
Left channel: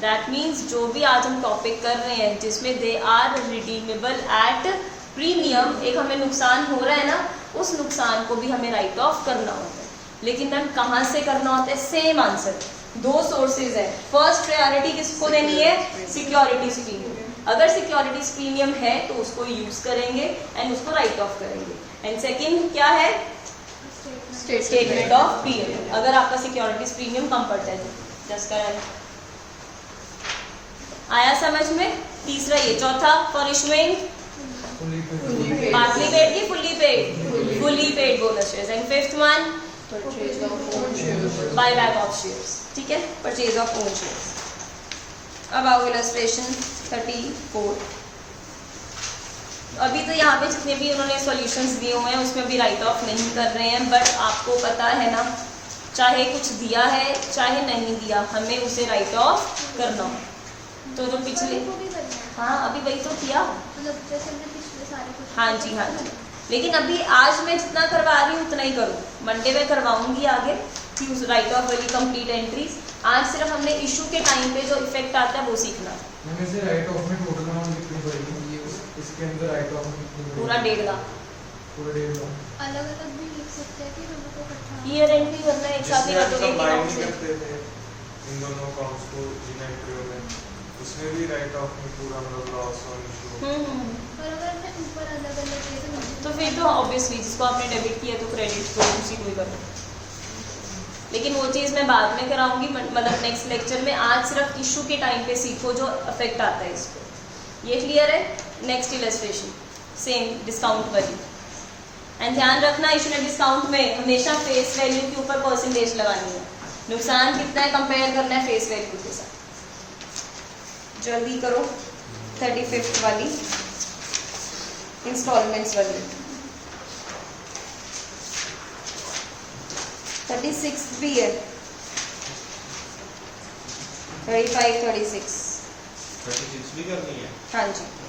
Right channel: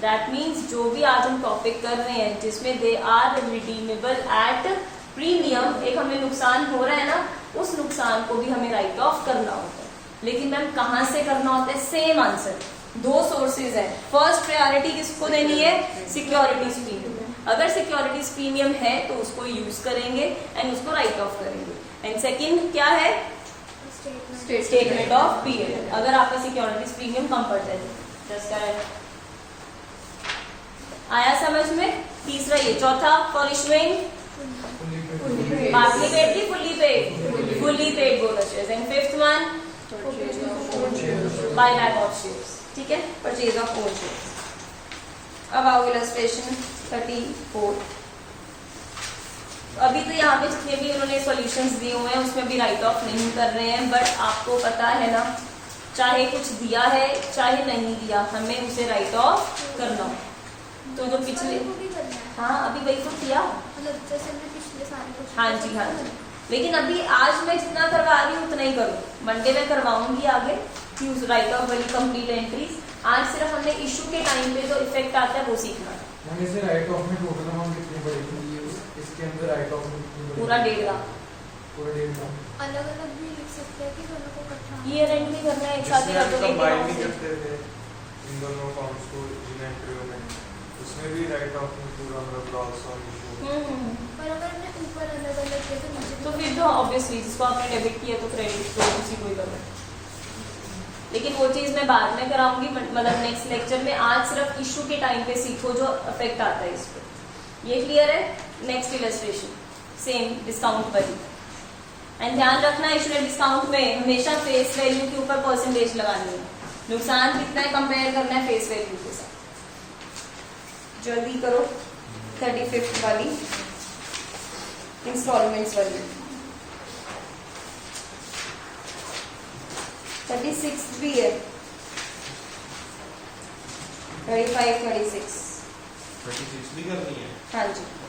दैट मीन्स जो भी आज हम टॉपिक कर रहे हैं जिसमें they are redeemable at premium, एक हमें नुकसान हो रहा है ना, उस नुकसान को भी हमें राइट ऑफ करना होता है। लेकिन मैम कहाँ से करना होता है? सेम आंसर, दो सोर्सेज है। फर्स्ट प्रायोरिटी किसको देनी है? Securities premium. अगर सिक्योरिटीज प्रीमियम है तो उसको यूज करेंगे एंड उसको राइट ऑफ करेंगे। एंड सेकेंड क्या है? Statement of period. अगर आपका सिक्योरिटीज प्रीमियम कम पड़ जाए, जस्ट करेक्ट। आया समझ में? तीसरा ये। चौथा, फॉर इशूइंग पार्टली पेड की fully paid? Fully paid bonus shares. And fifth one, buy back of shares. ठीक है, परचेज ऑफ ओन शेयर्स। अब आओ इलस्ट्रेशन 34। अभी तो यहाँ पे जितने भी उन्होंने सॉल्यूशंस दिए हुए हैं उसमें भी राइट ऑफ नहीं कर रहे हैं, बट आपको पता है ना, चाहे कुछ दिया है चाहे नहीं दिया, हमें उसे राइट ऑफ करना हो। तो जो पिछले, हाँ अभी वही तो किया। हाँ जी, हाँ जी। लेकिन अभी आज मैं जितना करवा रही हूँ उतना ही करूँ, मंडे में करवाऊंगी आगे कि राइट ऑफ वाली कंप्लीट एंट्रीज। आज सिर्फ हमने इशू के टाइम पे जो इफेक्ट आता है वो सीखना है। मैम इसे राइट ऑफ में टोटल अमाउंट कितनी पड़ेगी? इसके अंदर राइट ऑफ में कितनी पड़ेगी? पूरा 1.5 लाख। पूरा 1.5 लाख। अलग अलग भी लिख सकते हैं कि दोनों को इकट्ठा? ईयर एंड भी करना है एक साथ ही कर दोगे कंबाइन कि करते थे इन दोनों अकाउंट्स को जिन एंट्रियों में, उसमें भी राइट ऑफ में पूरा मतलब लॉस और इशू। पर अगर हमने ऊपर अलग अलग किया तो नीचे तो फिर तो ऑब्वियसली जिसको आपने डेबिट किया तो क्रेडिट को उसी को ही करना। लेकिन वो चीज मैं बाद में कराऊंगी, मतलब नेक्स्ट लेक्चर में। आज सिर्फ इशू के टाइम पे सीखो जो इफेक्ट आता है इसको। ये क्लियर है? नेक्स्ट इलस्ट्रेशन सेम डिस्काउंट वाली। एंड ध्यान रखना, इशू एंड डिस्काउंट में हमेशा फेस वैल्यू के ऊपर परसेंटेज लगानी है। नुकसान कितना है कंपेयर करना है फेस वैल्यू के साथ। जल्दी करो 35th वाली इंस्टॉलमेंट्स वाली। 36th भी है, 35, 36। 36 भी करनी है। हाँ जी